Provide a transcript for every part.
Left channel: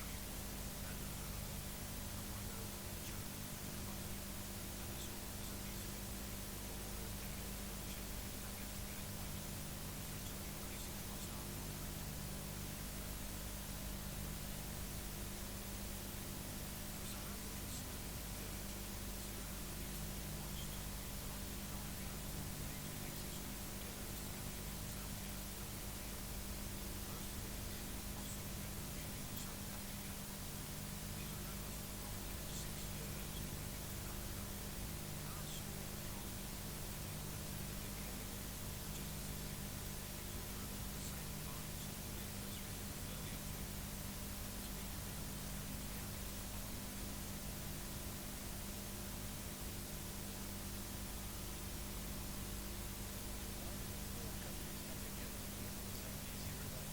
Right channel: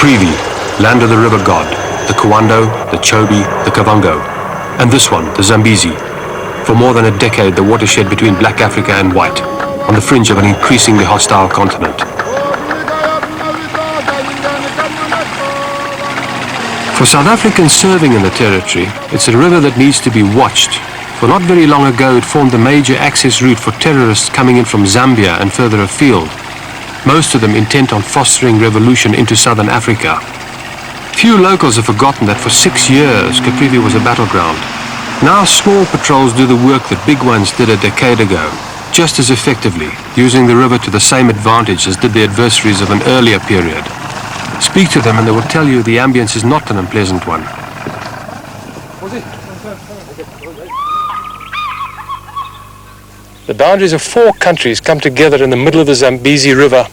Caprivi, land of the river god, the Kawando, the Chobe, the Kavango, and this one, the Zambezi. For more than a decade, the watershed between black Africa and white, on the fringe of an increasingly hostile continent. For South Africans serving in the territory, it's a river that needs to be watched. For not very long ago, it formed the major access route for terrorists coming in from Zambia and further afield, most of them intent on fostering revolution into southern Africa. Few locals have forgotten that for 6 years, Caprivi was a battleground. Now small patrols do the work that big ones did a decade ago, just as effectively, using the river to the same advantage as did the adversaries of an earlier period. Speak to them and they will tell you the ambience is not an unpleasant one. The boundaries of 4 countries come together in the middle of the Zambezi River,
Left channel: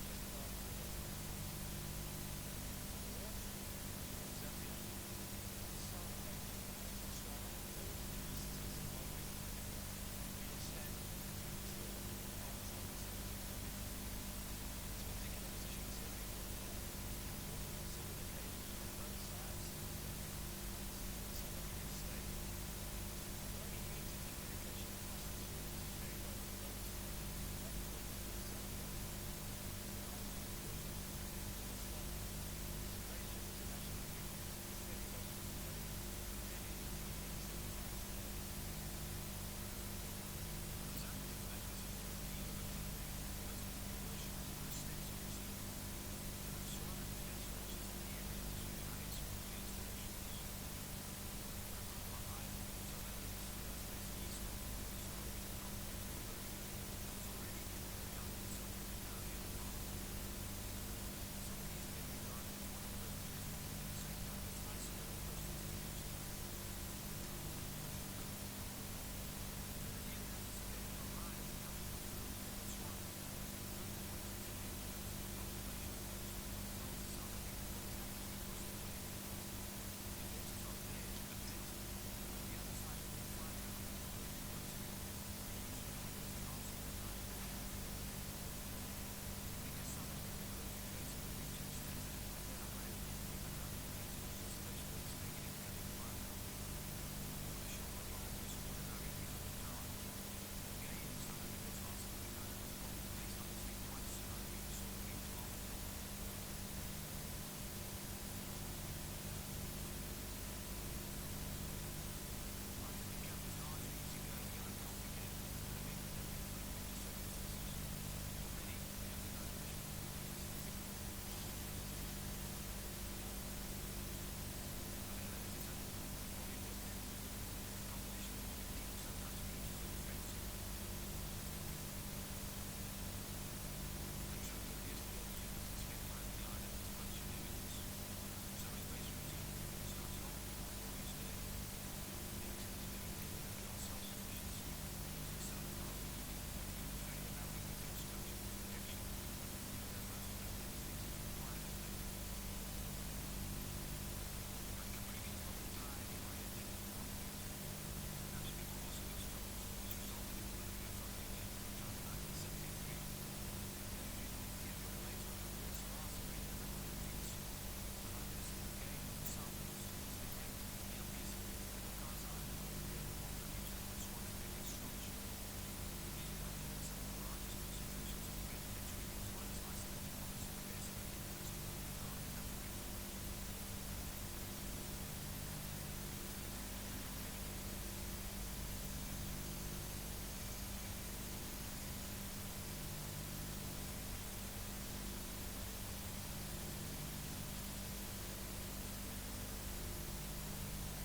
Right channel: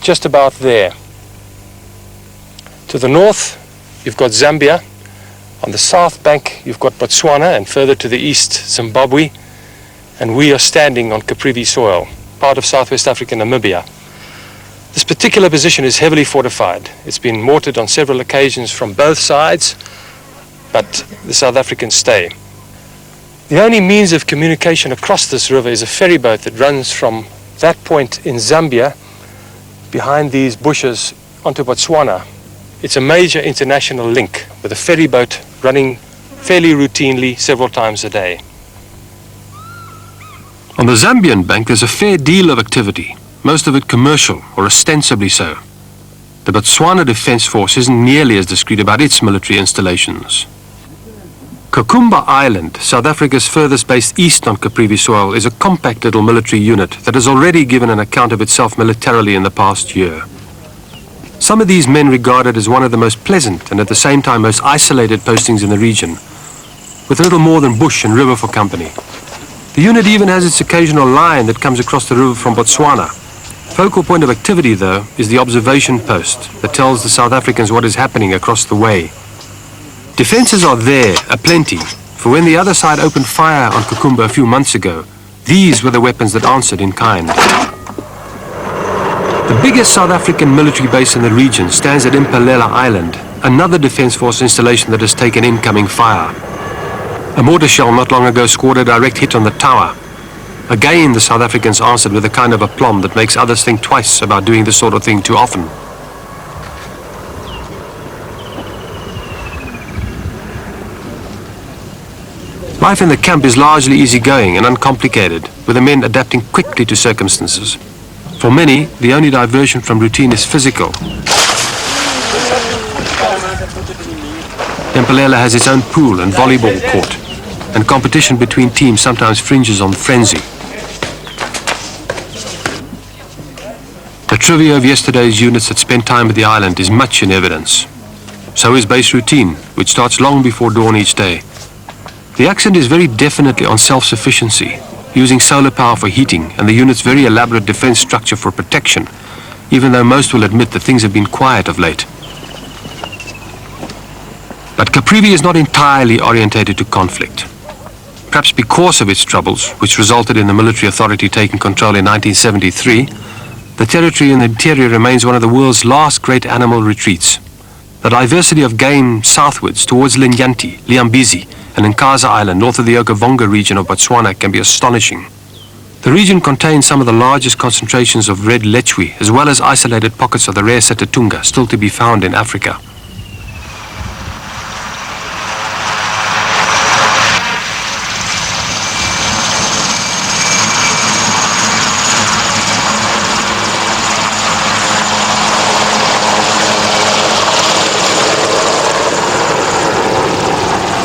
just about there. To the north, you've got Zambia. On the south bank, you've got Botswana, and further to the east, Zimbabwe. And we are standing on Caprivi soil, part of Southwest Africa, Namibia. This particular position is heavily fortified. It's been mortared on several occasions from both sides, but the South Africans stay. The only means of communication across this river is a ferry boat that runs from that point in Zambia, behind these bushes, onto Botswana. It's a major international link, with a ferry boat running fairly routinely several times a day. On the Zambian bank, there's a fair deal of activity, most of it commercial, or ostensibly so. The Botswana Defence Force isn't nearly as discreet about its military installations. Kokumba Island, South Africa's furthest base east on Caprivi soil, is a compact little military unit that has already given an account of itself militarily in the past year. Some of these men regard it as one of the most pleasant and at the same time most isolated postings in the region, with little more than bush and river for company. The unit even has its occasional line that comes across the river from Botswana. Focal point of activity, though, is the observation post that tells the South Africans what is happening across the way. Defences are there, aplenty, for when the other side opened fire on Kokumba a few months ago, these were the weapons that answered in kind. The biggest South African military base in the region stands at Impalela Island, another Defence Force installation that has taken incoming fire. A mortar shell not long ago scored a direct hit on the tower. Again, the South Africans answered with a kind of aplomb that makes others think twice about doing this sort of thing too often. Life in the camp is largely easygoing and uncomplicated, with the men adapting quickly to circumstances. For many, the only diversion from routine is physical. Impalela has its own pool and volleyball court, and competition between teams sometimes fringes on frenzy. The trivia of yesterday's units that spent time at the island is much in evidence. So is base routine, which starts long before dawn each day. The accent is very definitely on self-sufficiency, using solar power for heating and the unit's very elaborate defense structure for protection, even though most will admit that things have been quiet of late. But Caprivi is not entirely orientated to conflict. Perhaps because of its troubles, which resulted in the military authority taking control in 1973, the territory in the interior remains one of the world's last great animal retreats. The diversity of game southwards towards Linyanti, Liambezi, and Nkaza Island, north of the Okavango region of Botswana, can be astonishing. The region contains some of the largest concentrations of red lechwe, as well as isolated pockets of the rare Setatunga, still to be found in Africa.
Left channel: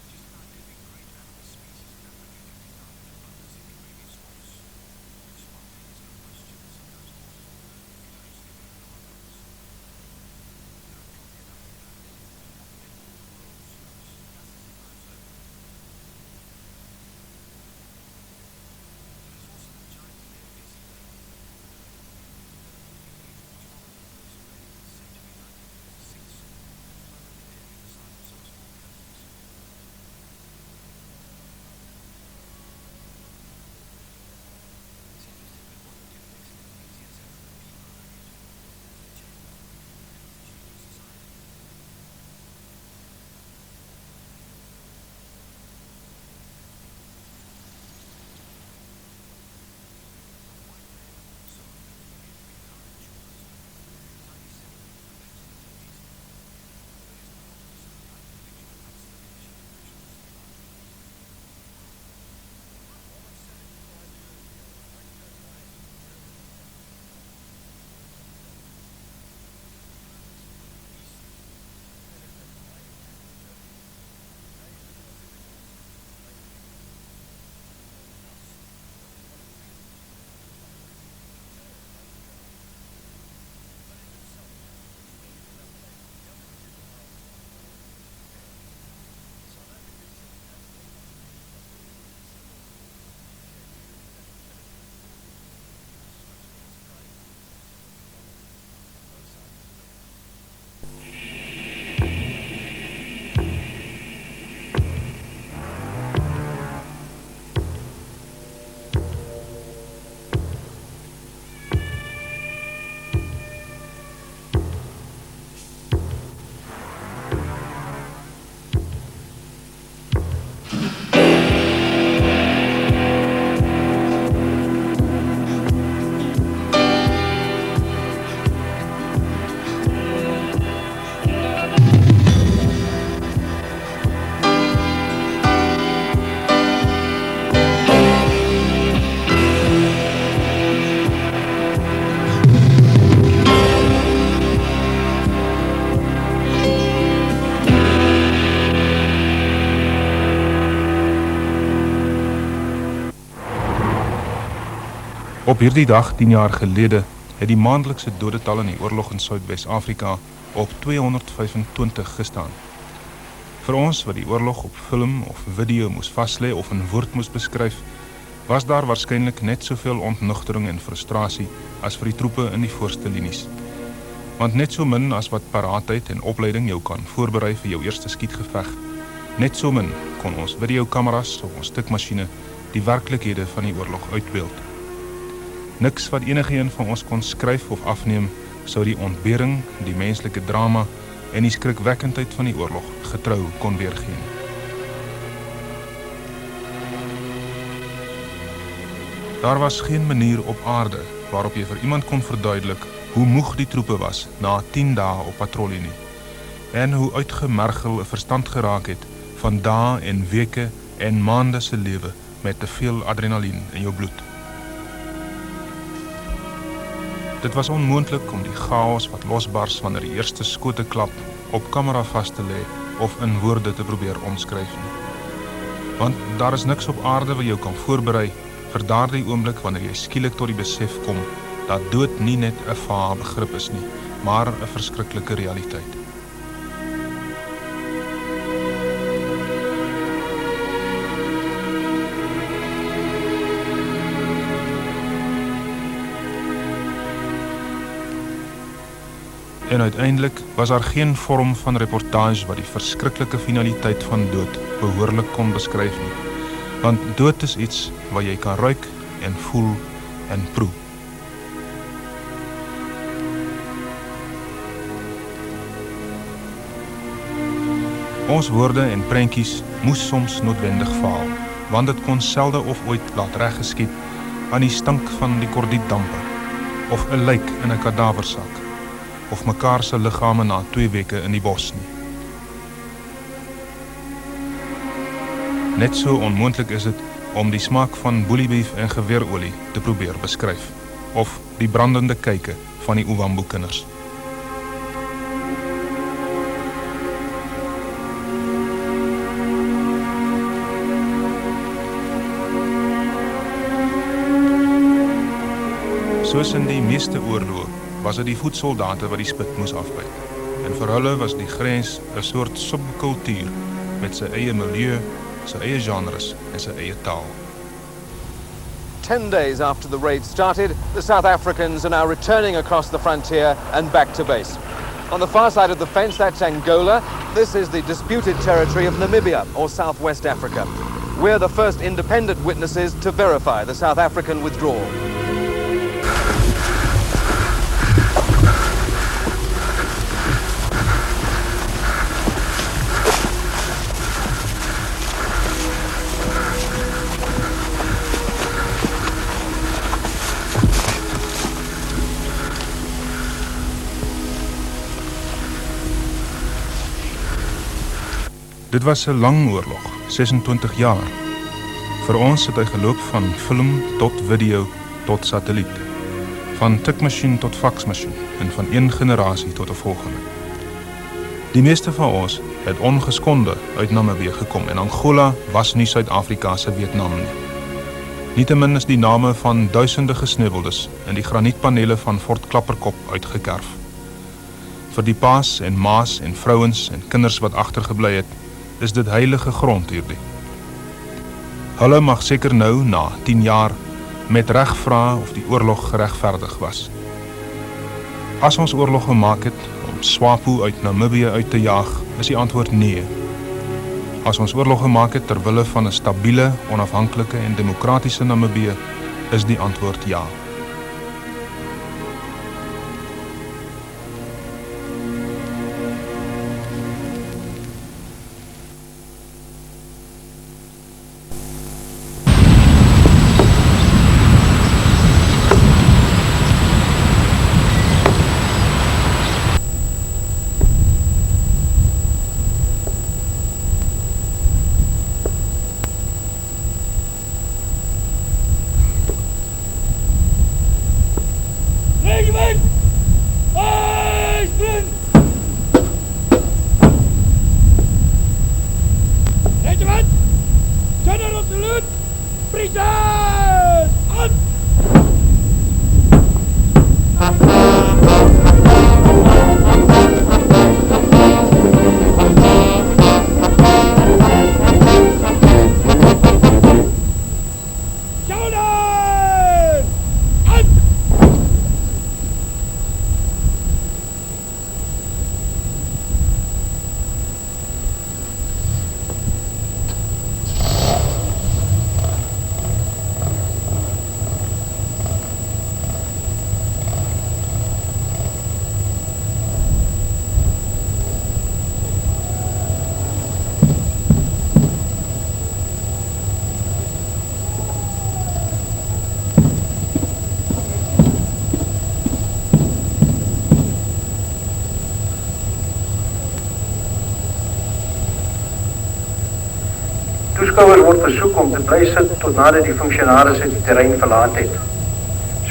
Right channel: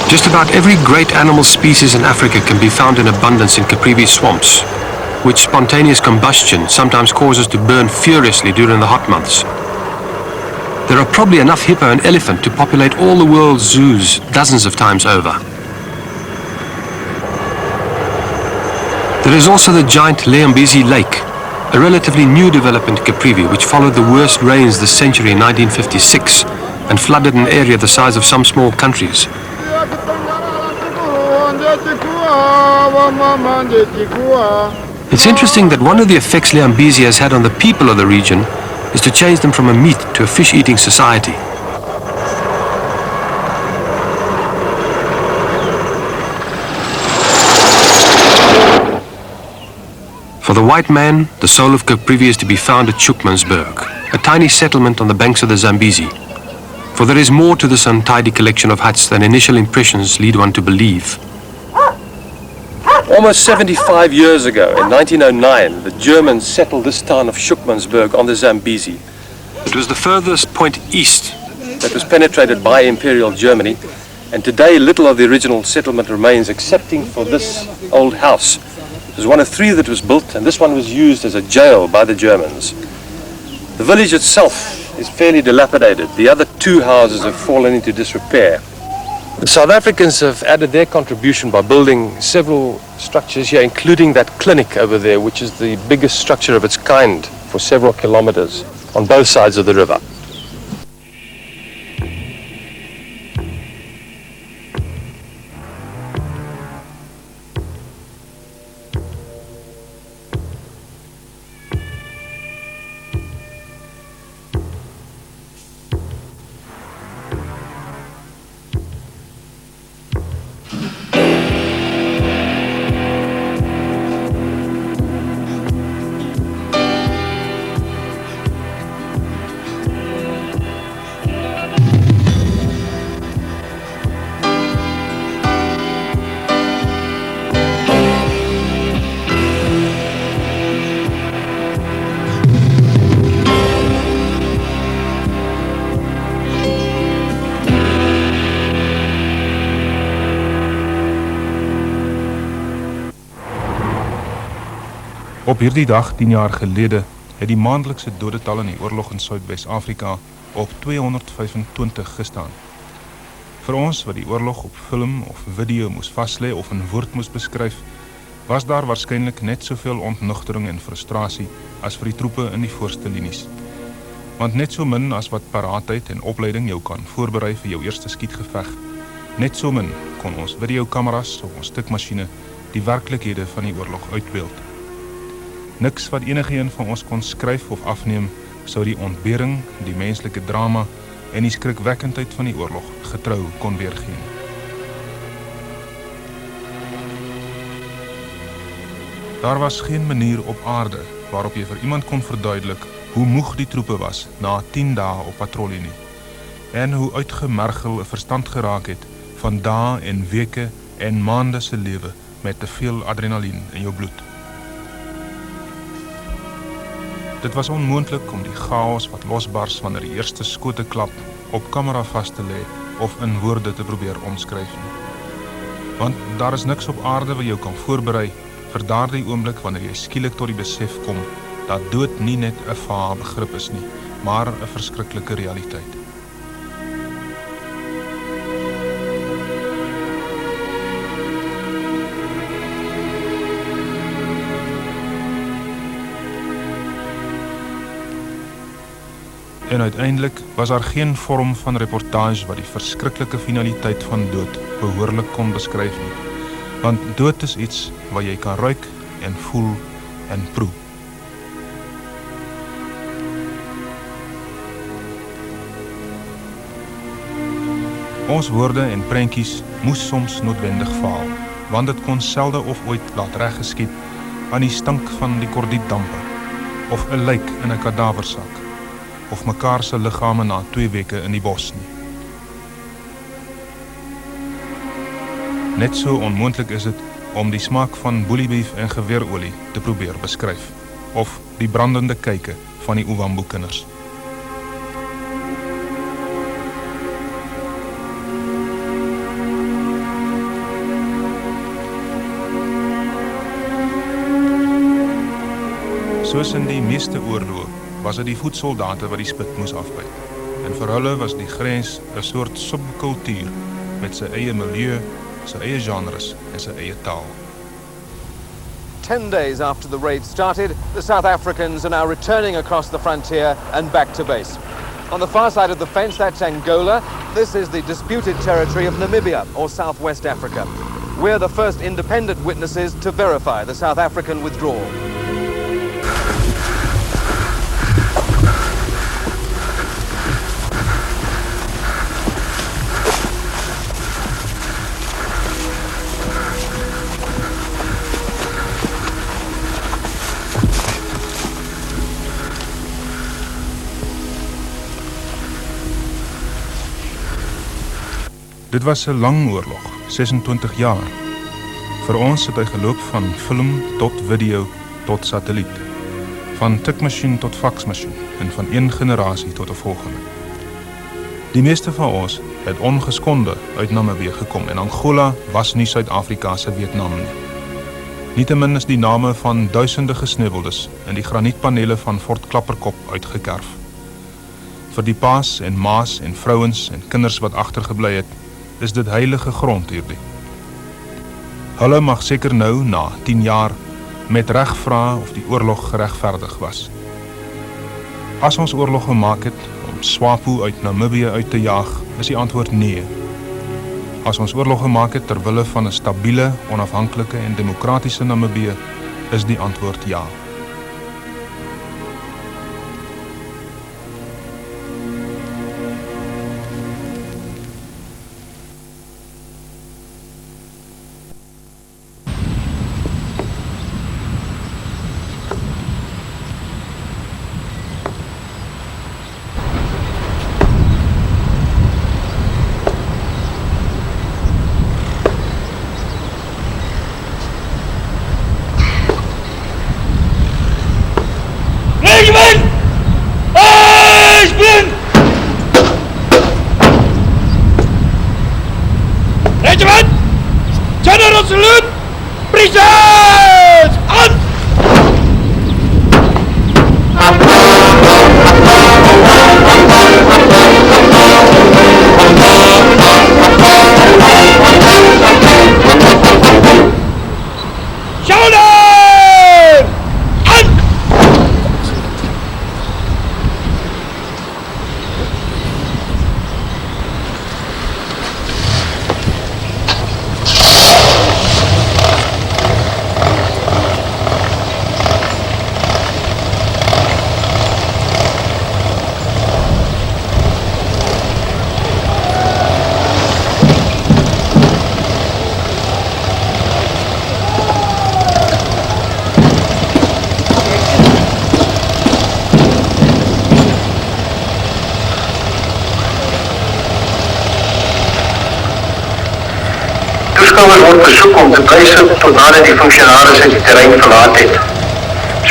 Just about every great animal species in Africa can be found in abundance in Caprivi swamps, which spontaneous combustion sometimes causes to burn furiously during the hot months. There are probably enough hippo and elephant to populate all the world's zoos dozens of times over. There is also the giant Liambezi Lake, a relatively new development in Caprivi which followed the worst rains this century in 1956 and flooded an area the size of some small countries. It's interesting that one of the effects Liambezi has had on the people of the region is to change them from a meat to a fish-eating society. For the white man, the soul of Caprivi is to be found at Shukmansberg, a tiny settlement on the banks of the Zambezi. For there is more to this untidy collection of huts than initial impressions lead one to believe. Almost 75 years ago, in 1909, the Germans settled this town of Shukmansberg on the Zambezi. It was the furthest point east that was penetrated by Imperial Germany, and today little of the original settlement remains excepting for this old house. It was one of three that was built, and this one was used as a jail by the Germans. The village itself is fairly dilapidated. The other two houses have fallen into disrepair. The South Africans have added their contribution by building several structures here, including that clinic over there, which is the biggest structure of its kind for several kilometers on both sides of the river. Op hierdie dag 10 jaar gelede het die maandelikse dodetal in die oorlog in Suidwes-Afrika op 225 gestaan. Vir ons wat die oorlog op film of video moes vaslê of in woord moes beskryf, was daar waarskynlik net soveel ontnugtering en frustrasie as vir die troepe in die voorste linies. Want net so min as wat paraatheid en opleiding jou kan voorberei vir jou eerste skietgeveg, net so min kon ons videokameras of ons stukmasjiene die werklikhede van die oorlog uitbeeld. Niks wat enigeen van ons kon skryf of afneem, sou die ontbering, die menslike drama en die skrikwekkendheid van die oorlog getrou kon weergee. Daar was geen manier op aarde waarop jy vir iemand kon verduidelik hoe moeg die troepe was na 10 dae op patrollie nie, en hoe uitgemergel 'n verstand geraak het van dae en weke en maande se lewe met te veel adrenalien in jou bloed. Dit was onmoontlik om die chaos wat losbars wanneer die eerste skote klap op kamera vas te lê of in woorde te probeer omskryf nie. Want daar is niks op aarde wat jou kan voorberei vir daardie oomblik wanneer jy skielik tot die besef kom dat dood nie net 'n vae begrip is nie, maar 'n verskriklike realiteit. En uiteindelik was daar geen vorm van reportage wat die verskriklike finaliteit van dood behoorlik kon beskryf nie. Want dood is iets wat jy kan ruik en voel en proe. Ons woorde en prentjies moes soms noodwendig faal, want dit kon selde of ooit laat reggeskied aan die stank van die kordietdampe, of 'n lijk in 'n kadaversak, of mekaar se liggame na 2 weke in die bos nie. Net so onmoontlik is dit om die smaak van boeliebeef en geweerolie te probeer beskryf, of die brandende kyke van die Ovambo kinders. Soos in die meeste oorloë was dit die voetsoldate wat die spit moes afbyt. En vir hulle was die grens 'n soort subkultuur met sy eie milieu, sy eie genres en sy eie taal. 10 days after the raid started, the South Africans are now returning across the frontier and back to base. On the far side of the fence, that's Angola. This is the disputed territory of Namibia, or Southwest Africa. We're the first independent witnesses to verify the South African withdrawal. Dit was 'n lang oorlog, 26 jaar. Vir ons het hy geloop van film tot video tot satelliet, van tikmasjien tot faksmasjien en van een generasie tot 'n volgende. Die meeste van ons het ongeskonde uit Namibië gekom en Angola was nie Suid-Afrika se Vietnam nie. Nietemin is die name van duisende gesneuweldes in die granietpanele van Fort Klapperkop uitgekerf. Vir die paas en maas en vrouens en kinders wat agtergebly het, is dit heilige grond hierdie. Hulle mag seker nou, na 10 jaar, met reg vra of die oorlog geregverdig was. As ons oorlog gemaak het om SWAPO uit Namibië uit te jaag, is die antwoord nee. As ons oorlog gemaak het ter wille van 'n stabiele, onafhanklike en demokratiese Namibië, is die antwoord ja. Regiment! General salute! Present! On! Shoulder! On! Toeskouers word versoek om te blyf tot nadat die functionaris die terrein verlaat het.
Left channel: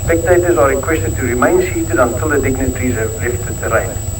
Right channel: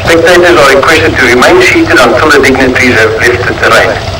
Spectators are requested to remain seated until the dignitaries have left the terrain.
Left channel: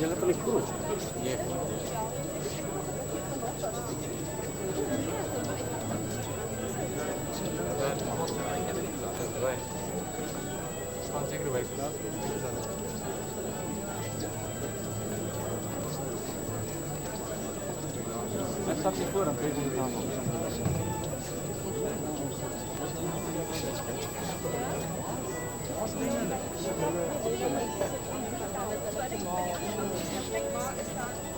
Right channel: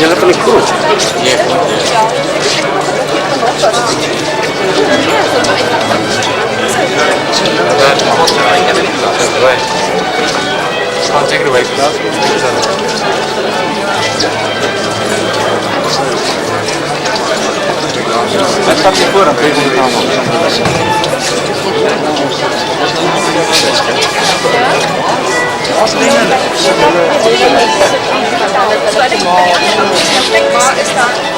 Julle van die kroeg. I'll take it away. Hij staat hier voor, dan kun je het allemaal. Beskikbaar is daar.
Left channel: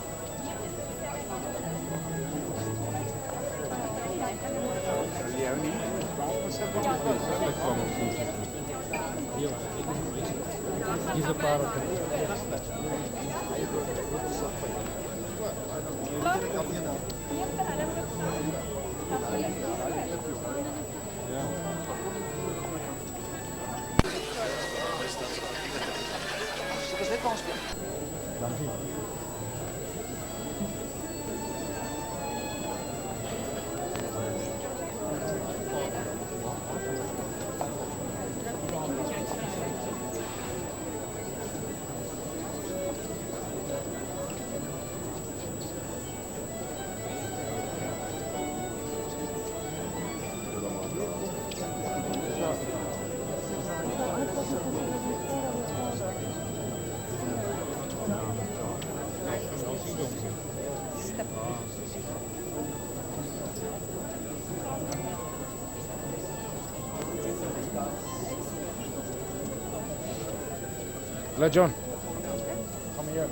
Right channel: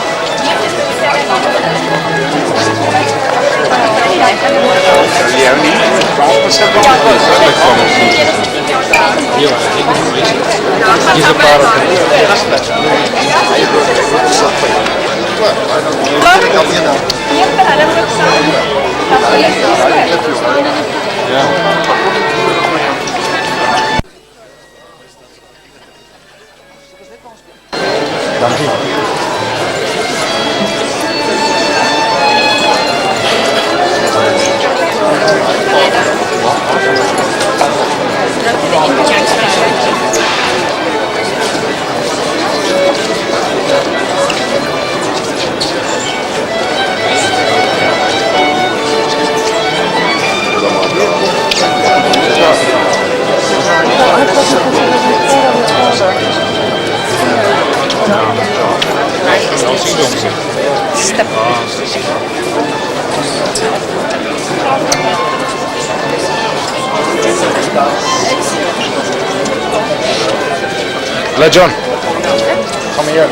Let John. Kom hier.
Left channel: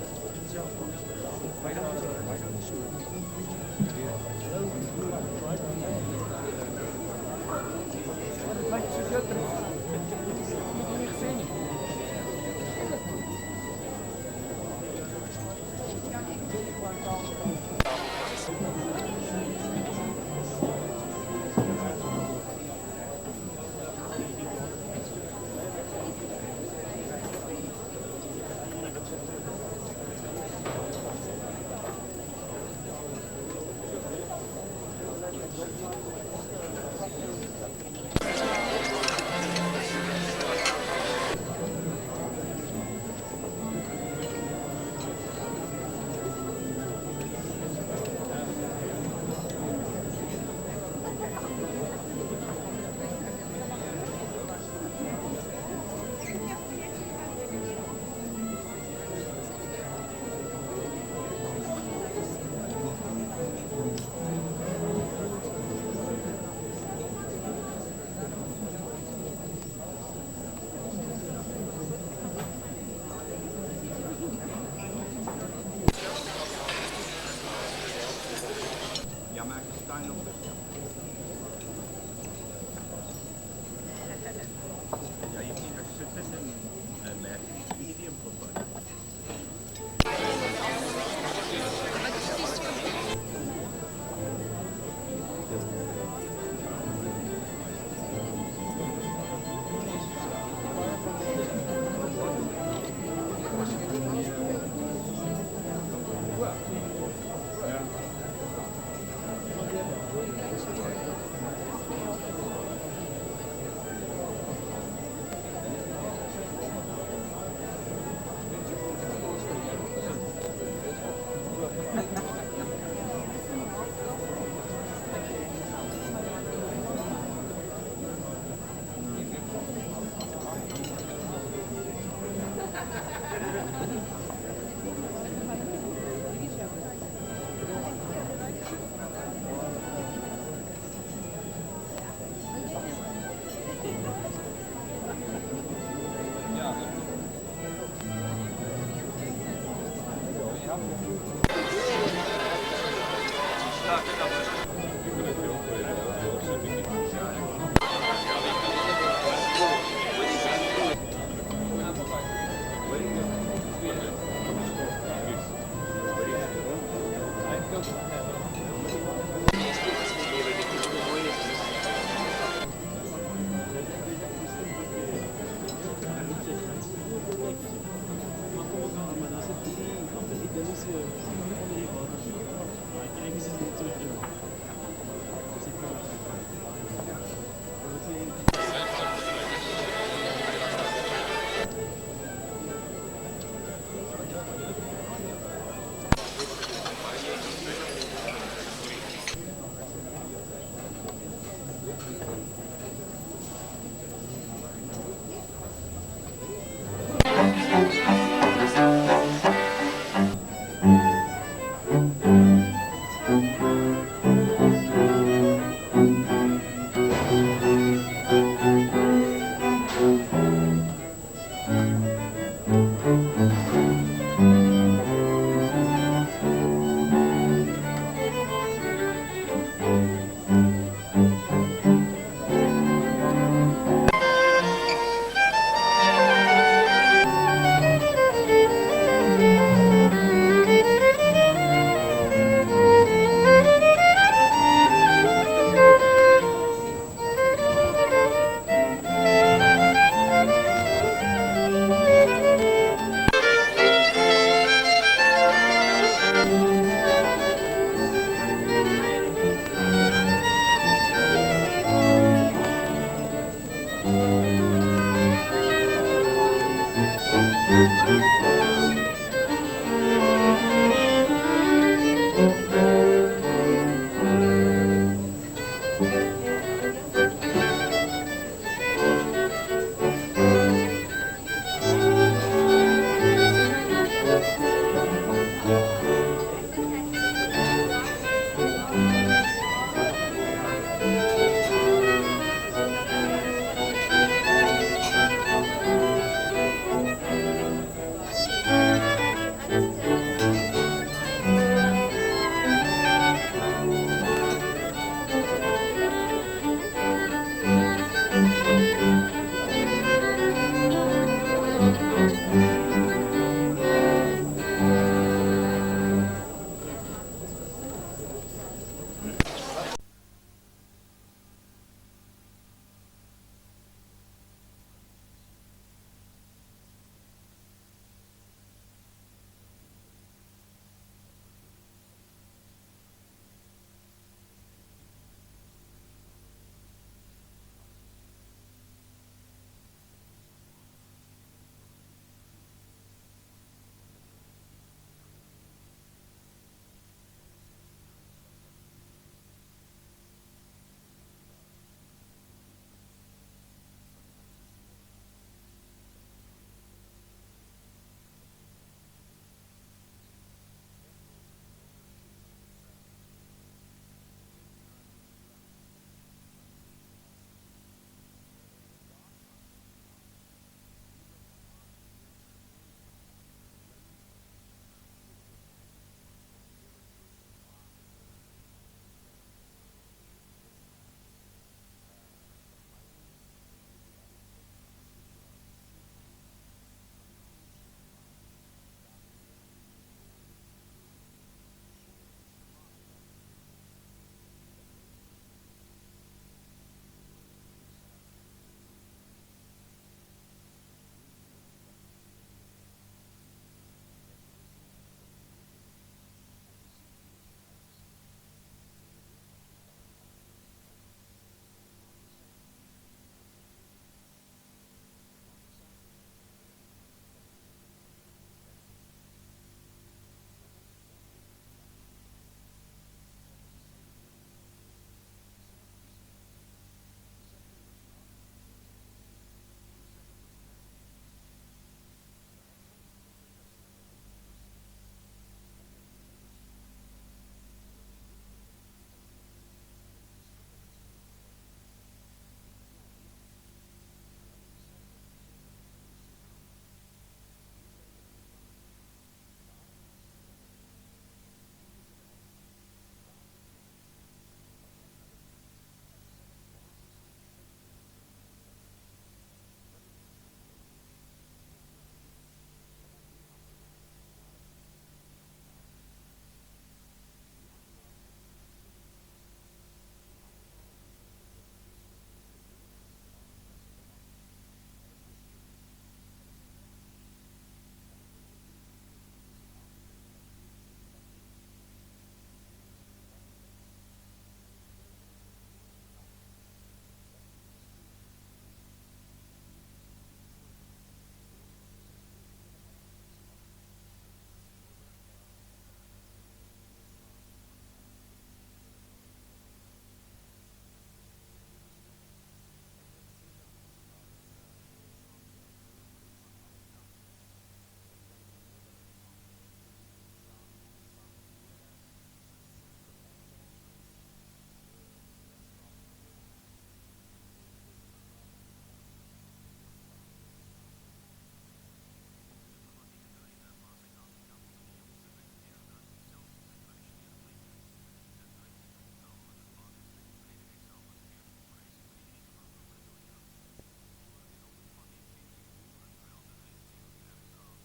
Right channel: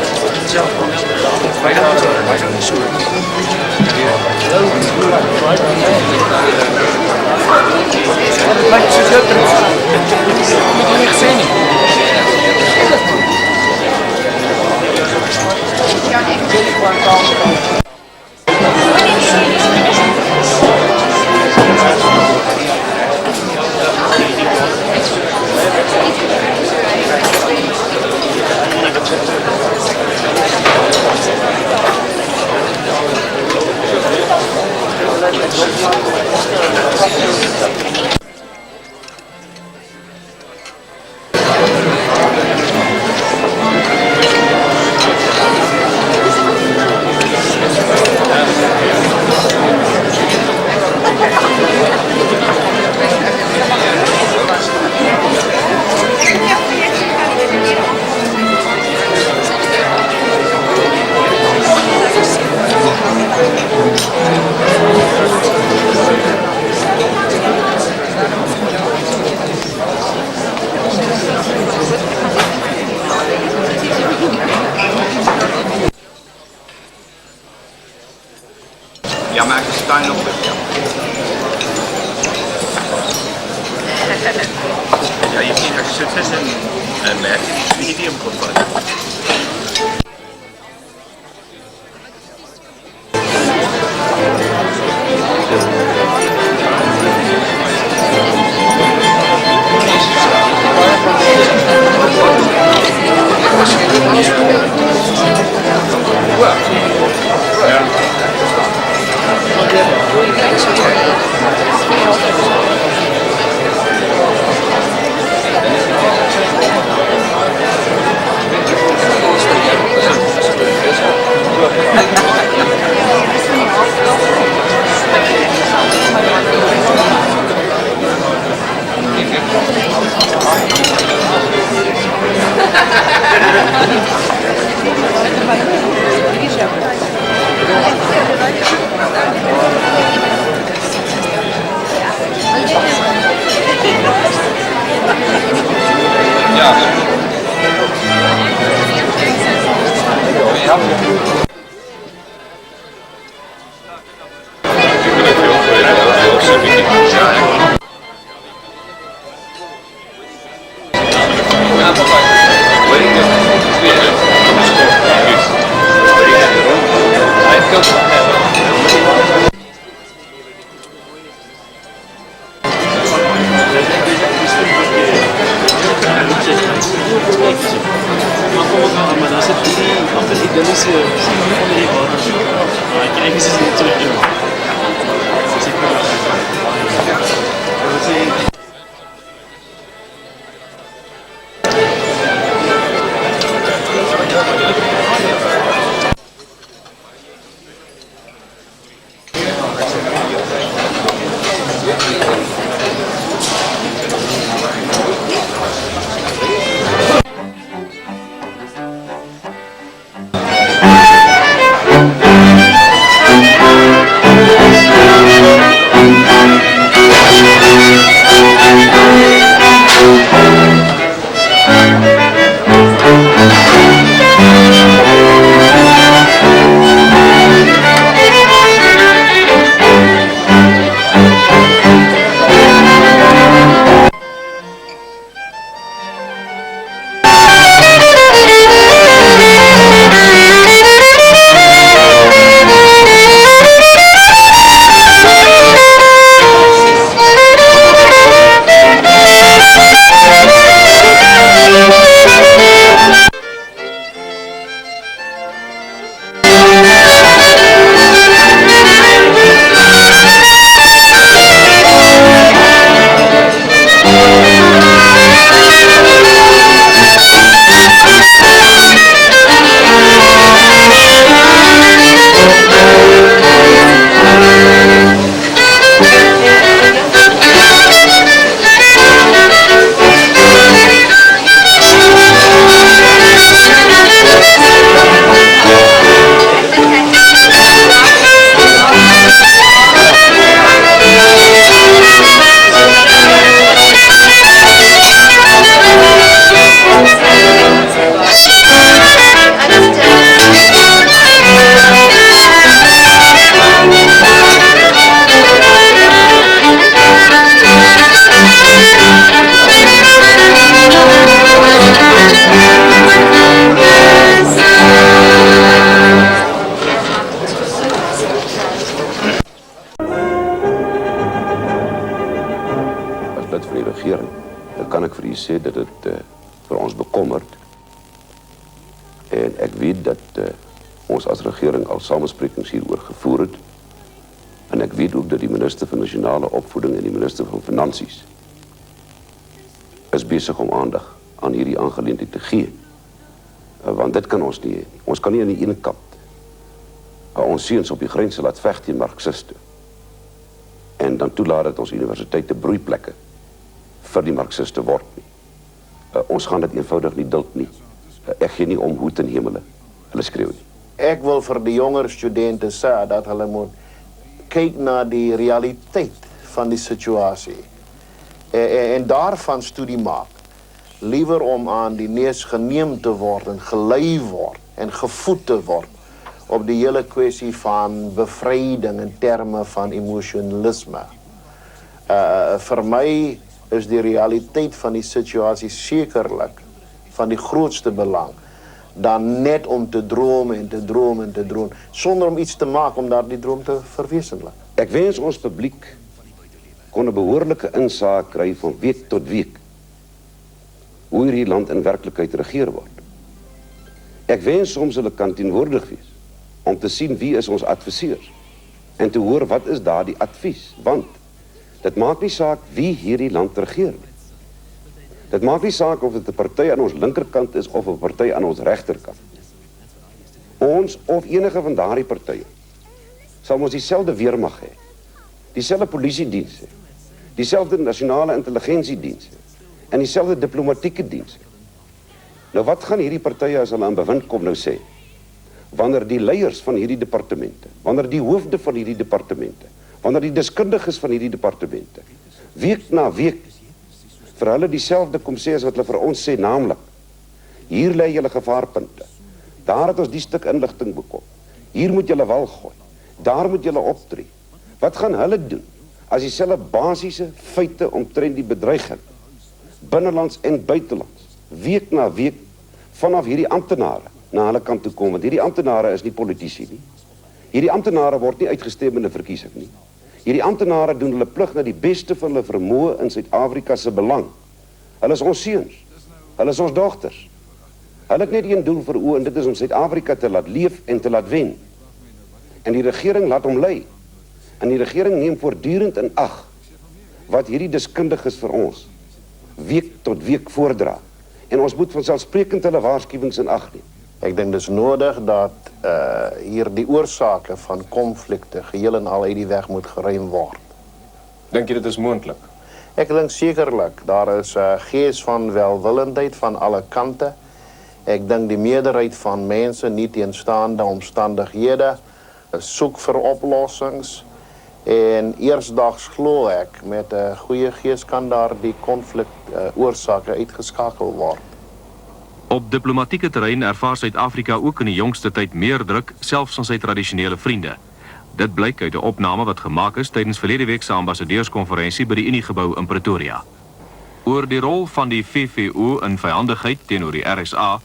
Ja, maak de tuin op. Ja, je hebt hier succes en merk. Die hem goed van. lid van die regering, dan kan ek vir u sê dat dit vir ons bekommerd. En ek weet dat ons as regering al samesprekings hieroor gevoer het. En ek weet ook dat die minister van nasionale opvoeding en die minister van finansies is besig om aandag aan hierdie aangeleentheid te gee. Want dit kan ons nie hê. Ons kan nie aan die ene kant ons seuns op die grense laat veg teen marxiste en dan toelaat dat ons universiteite broeiplekke vir die marxiste word nie. Ons gaan dit eenvoudig nie duld nie. Ek gee nie om hoe ten hemele hulle skreeu nie. Ek wil vir die jonger studente sê dat hulle moet kyk na die realiteit van die situasie en daarvan studie maak. Liewer om aan die neus geneem te word en gelei word en gevoed te word op die hele kwessie van bevryding in terme van emosionalisme. Vir my is die realiteit van die situasie sekerlik van die grootste belang dan net om te droom en te droom en te droom, sonder om iets te maak om daardie droom te verwesenlik. Ek wens ons publiek kon 'n behoorlike insaag kry van week tot week hoe hierdie land in werklikheid regeer word. Ek wens soms hulle kan teenwoordig wees om te sien wie is ons adviseurs en te hoor wat is daardie advies, want dit maak nie saak wie hierdie land regeer nie. Dit maak nie saak of dit 'n party aan ons linkerkant is of 'n party aan ons regterkant. Ons of enige van daardie partye sal ons dieselfde weermag hê, dieselfde polisiediens hê, dieselfde nasionale intelligensiediens hê en dieselfde diplomatieke diens hê. Nou wat gaan hierdie partye as hulle aan bewind kom nou sê? Wanneer die leiers van hierdie departemente, wanneer die hoofde van hierdie departemente, wanneer die deskundiges van hierdie departemente week na week vir hulle dieselfde kom sê as wat hulle vir ons sê, naamlik hier lê julle gevaarpunte, daar het ons die stuk inligting bekom, hier moet julle wal gooi, daar moet julle optree. Wat gaan hulle doen as dieselfde basiese feite omtrent die bedreiging binnelands en buitelands week na week vanaf hierdie amptenare na hulle kant toe kom, want hierdie amptenare is nie politici nie. Hierdie amptenare word nie uitgestem in 'n verkiesing nie. Hierdie amptenare doen hulle plig na die beste van hulle vermoë in Suid-Afrika se belang. Hulle is ons seuns. Hulle is ons dogters. Hulle het net een doel vir oë en dit is om Suid-Afrika te laat leef en te laat wen. En die regering laat hom lei. En die regering neem voortdurend in ag wat hierdie deskundiges vir ons week tot week voordra. En ons moet vanselfsprekend hulle waarskuwings in ag neem. Ek dink dis nodig dat hier die oorsake van konflikte geheel en al uit die weg moet geruim word. Dink jy dit is moontlik? Ek dink sekerlik, daar is 'n gees van welwillendheid van alle kante. Ek dink die meerderheid van mense, nie teenstaande omstandighede, soek vir oplossings. En eersdags glo ek, met 'n goeie gees kan daar die konflik oorsake uitgeskakel word. Op diplomatieke terrein ervaar Suid-Afrika ook in die jongste tyd meer druk, selfs van sy tradisionele vriende. Dit blyk uit 'n opname wat gemaak is tydens verlede week se ambassadeurskonferensie by die Uniegebou in Pretoria. Oor die rol van die VVO in vyandigheid teenoor die RSA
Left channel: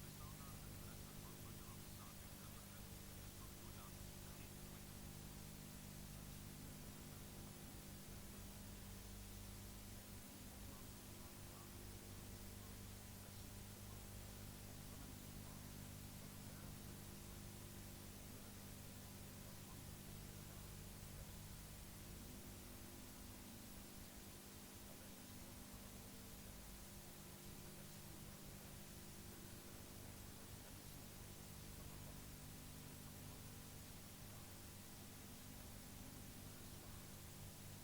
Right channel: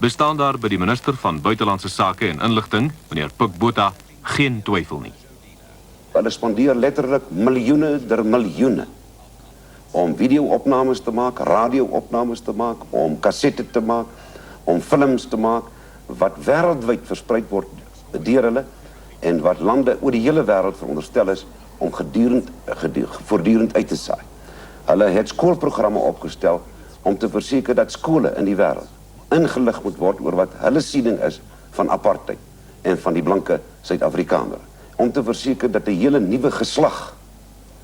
bestaan daar by die minister van Buitelandse Sake en Inligting, meneer Pik Botha, geen twyfel nie. Hulle spandeer letterlik miljoene der miljoene om video-opnames te maak, radio-opnames te maak, om kassette te maak, om films te maak, wat wêreldwyd verspreid word deur hulle en wat lande oor die hele wêreld veronderstel is om voortdurend uit te saai. Hulle het skoolprogramme opgestel om te verseker dat skole in die wêreld ingelig moet word oor wat hulle siening is van apartheid en van die blanke Suid-Afrikaner. Om te verseker dat 'n hele nuwe geslag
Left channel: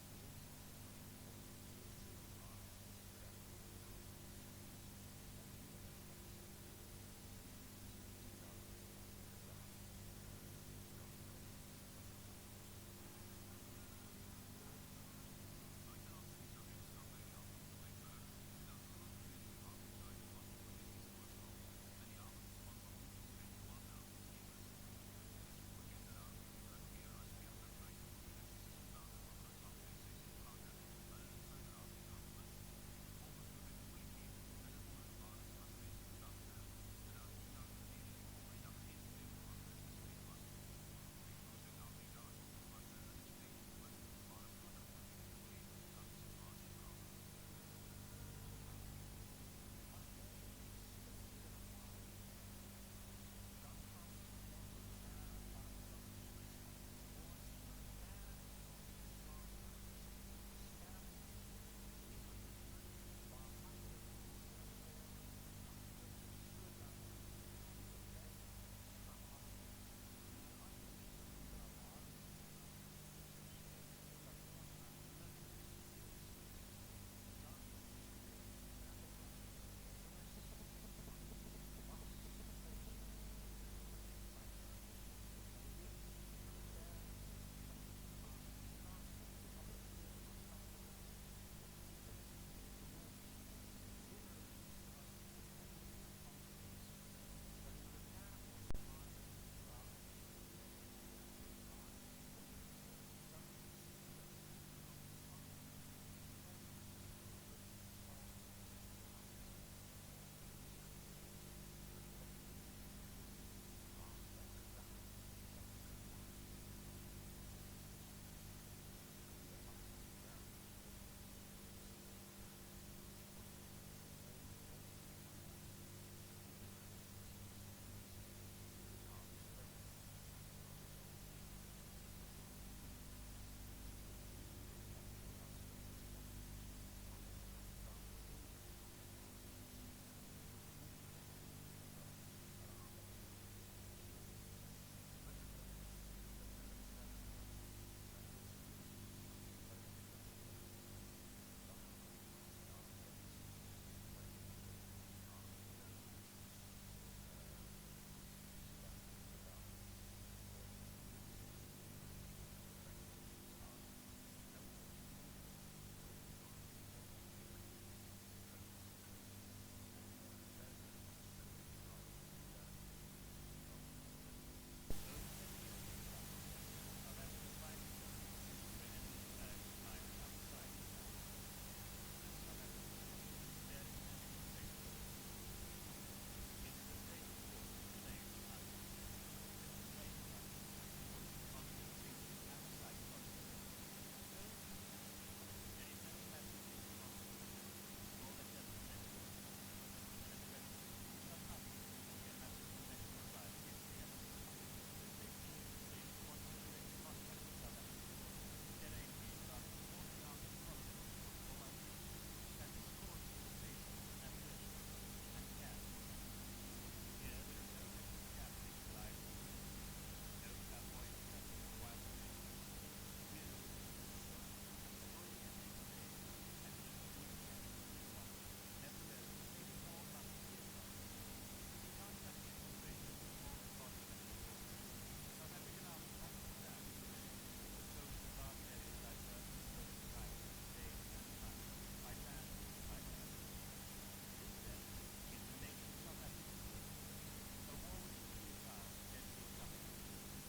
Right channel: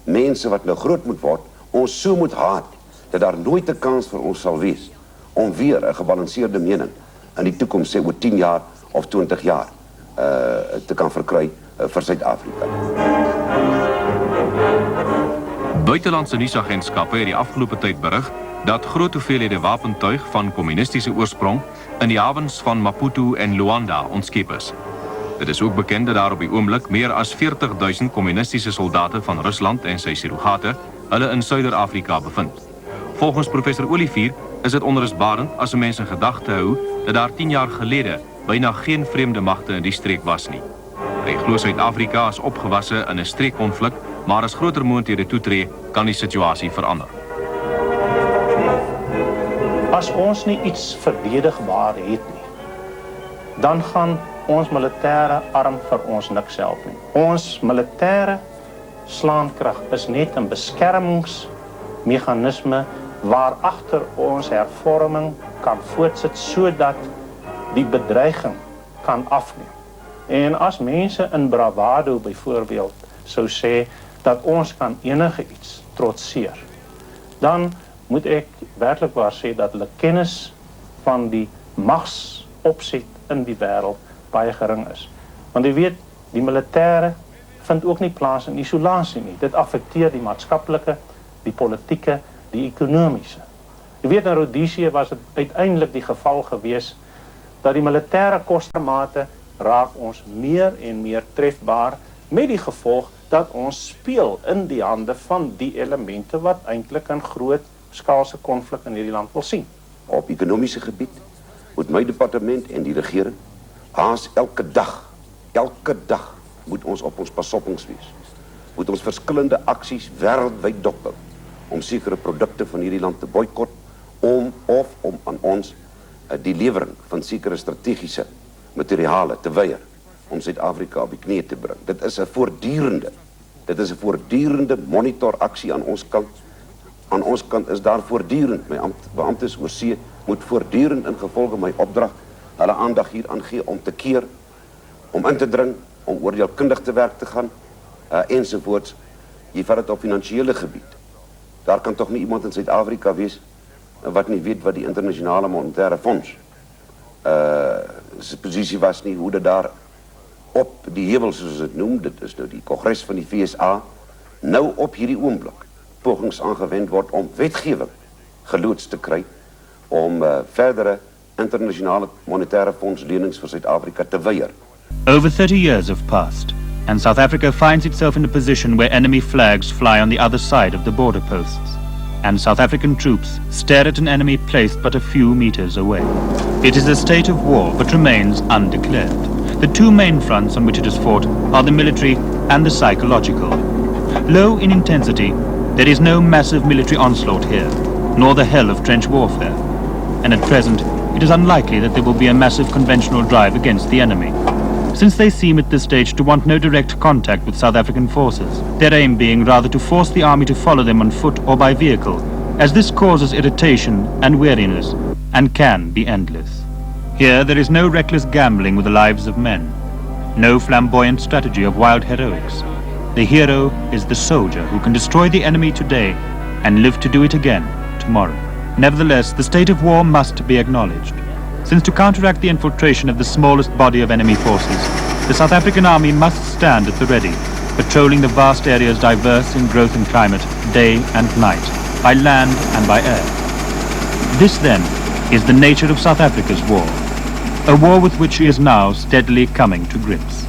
mense wat nou groot moet word, ons so moet haat dat daar nooit 'n kans vir ons sal wees om weer 'n gebalanseerde mening in die toekoms, sê oor 10 jaar of 20 jaar te kan verkry vir Suid-Afrika. Buitelandse nuusagentskappe het die afgelope tyd berig dat groot hoeveelhede wapentuig van kommunistiese oorsprong in die hawens van Maputo en Luanda ontskep is. Dit is ook bekend dat daar op die oomblik meer as 40.000 kommunistiese soldate van Rusland en sy surrogate hulle in Suider-Afrika bevind. Volgens professor Olivier is dit onrusbarend as 'n mens in gedagte hou dat daar 10 jaar gelede byna geen vreemde magte in die streek was nie. Hy glo Suid-Afrika is opgewasse in 'n streekkonflik, maar as groter moondhede toetree, kan die situasie verander. As ons nie iets verdedigbaar het nie, dan gaan ons militêre arm vir ons niks help nie. Ons militêre slaankrag is net 'n beskermingsmeganisme waarachter ons hervorming kan voortsit sodat die bedreiging kan afneem. En as mense in bravado byvoorbeeld sou sê dat ons kan enige iets trotseer, dan moet ek werklik waar sê dat hulle kennis van die magsopset in die wêreld baie gering is. Want jy weet, die militêre vind ook nie plaas in isolasie nie. Dit affekteer die maatskaplike, die politieke, die ekonomiese. Jy weet, in Rhodesië was dit uiteindelik die geval gewees dat die militêre kostermate raak ons meer en meer trefbaar met die gevolg dat ons speel in die hande van die elemente wat eintlik 'n groot skaalse konflik in hierdie land wil sien. Op ekonomiese gebied moet my departement en die regering haas elke dag moet ons op ons pasoppings wees. Moet ons verskillende aksies wêreldwyd dophou om sekere produkte van hierdie land te boikot om aan ons die lewering van sekere strategiese materiale te weier om Suid-Afrika op die knie te bring. Dit is 'n voortdurende monitoraksie aan ons kant. Aan ons kant is daar voortdurend, my beamptes oor see moet voortdurend in gevolge my opdrag hulle aandag hier aan gee om te keer, om in te dring, om oordeelkundig te werk te gaan, ensovoorts. Jy vat dit op finansiële gebied. Daar kan toch nie iemand in Suid-Afrika wees wat nie weet wat die internasionale monetaire fonds sy posisie was nie, hoe dit daar op die heuwel, soos dit noem, dit is nou die Kongres van die FSA, nou op hierdie oomblik pogings aangewend word om wetgewing geloods te kry om verdere internasionale monetaire fonds lenings vir Suid-Afrika te weier. Over 30 years have passed, and South Africa finds itself in a position where enemy flags fly on the other side of the border posts, and South African troops stare at an enemy placed but a few meters away. It is a state of war, but remains undeclared. The two main fronts on which it is fought are the military and the psychological. Low in intensity, there is no massive military onslaught here, nor the hell of trench warfare. And at present, it is unlikely that there will be a massive conventional drive against the enemy, since they seem at this stage to want no direct contact with South African forces, their aim being rather to force the army to follow them on foot or by vehicle, as this causes irritation and weariness, and can be endless. Here there is no reckless gambling with the lives of men, no flamboyant strategy of wild heroics. The hero is the soldier who can destroy the enemy today and live to do it again tomorrow. Nevertheless, the state of war must be acknowledged, since to counteract the infiltration of the smallest body of enemy forces, the South African army must stand at the ready, patrolling the vast areas diverse in growth and climate, day and night, by land and by air. This, then, is the nature of South Africa's war, a war with which she is now steadily coming to grips.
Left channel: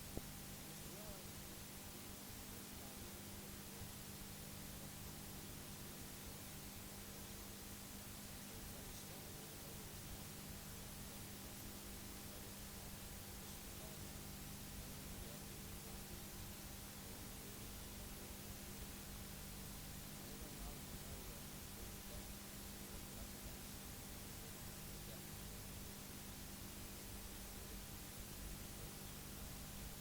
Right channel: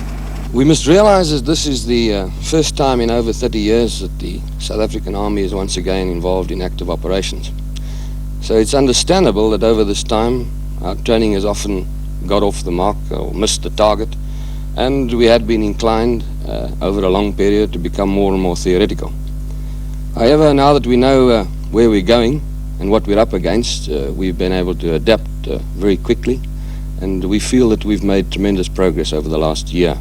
We must realize that this is the first time in over 30 years that the South African army is once again involved in active operations. So it's understandable that over this time our training has often got off the mark or missed the target, and we had been inclined over a long period to become more and more theoretical. However, now that we know where we're going and what we're up against, we've been able to adapt very quickly, and we feel that we've made tremendous progress over the last year.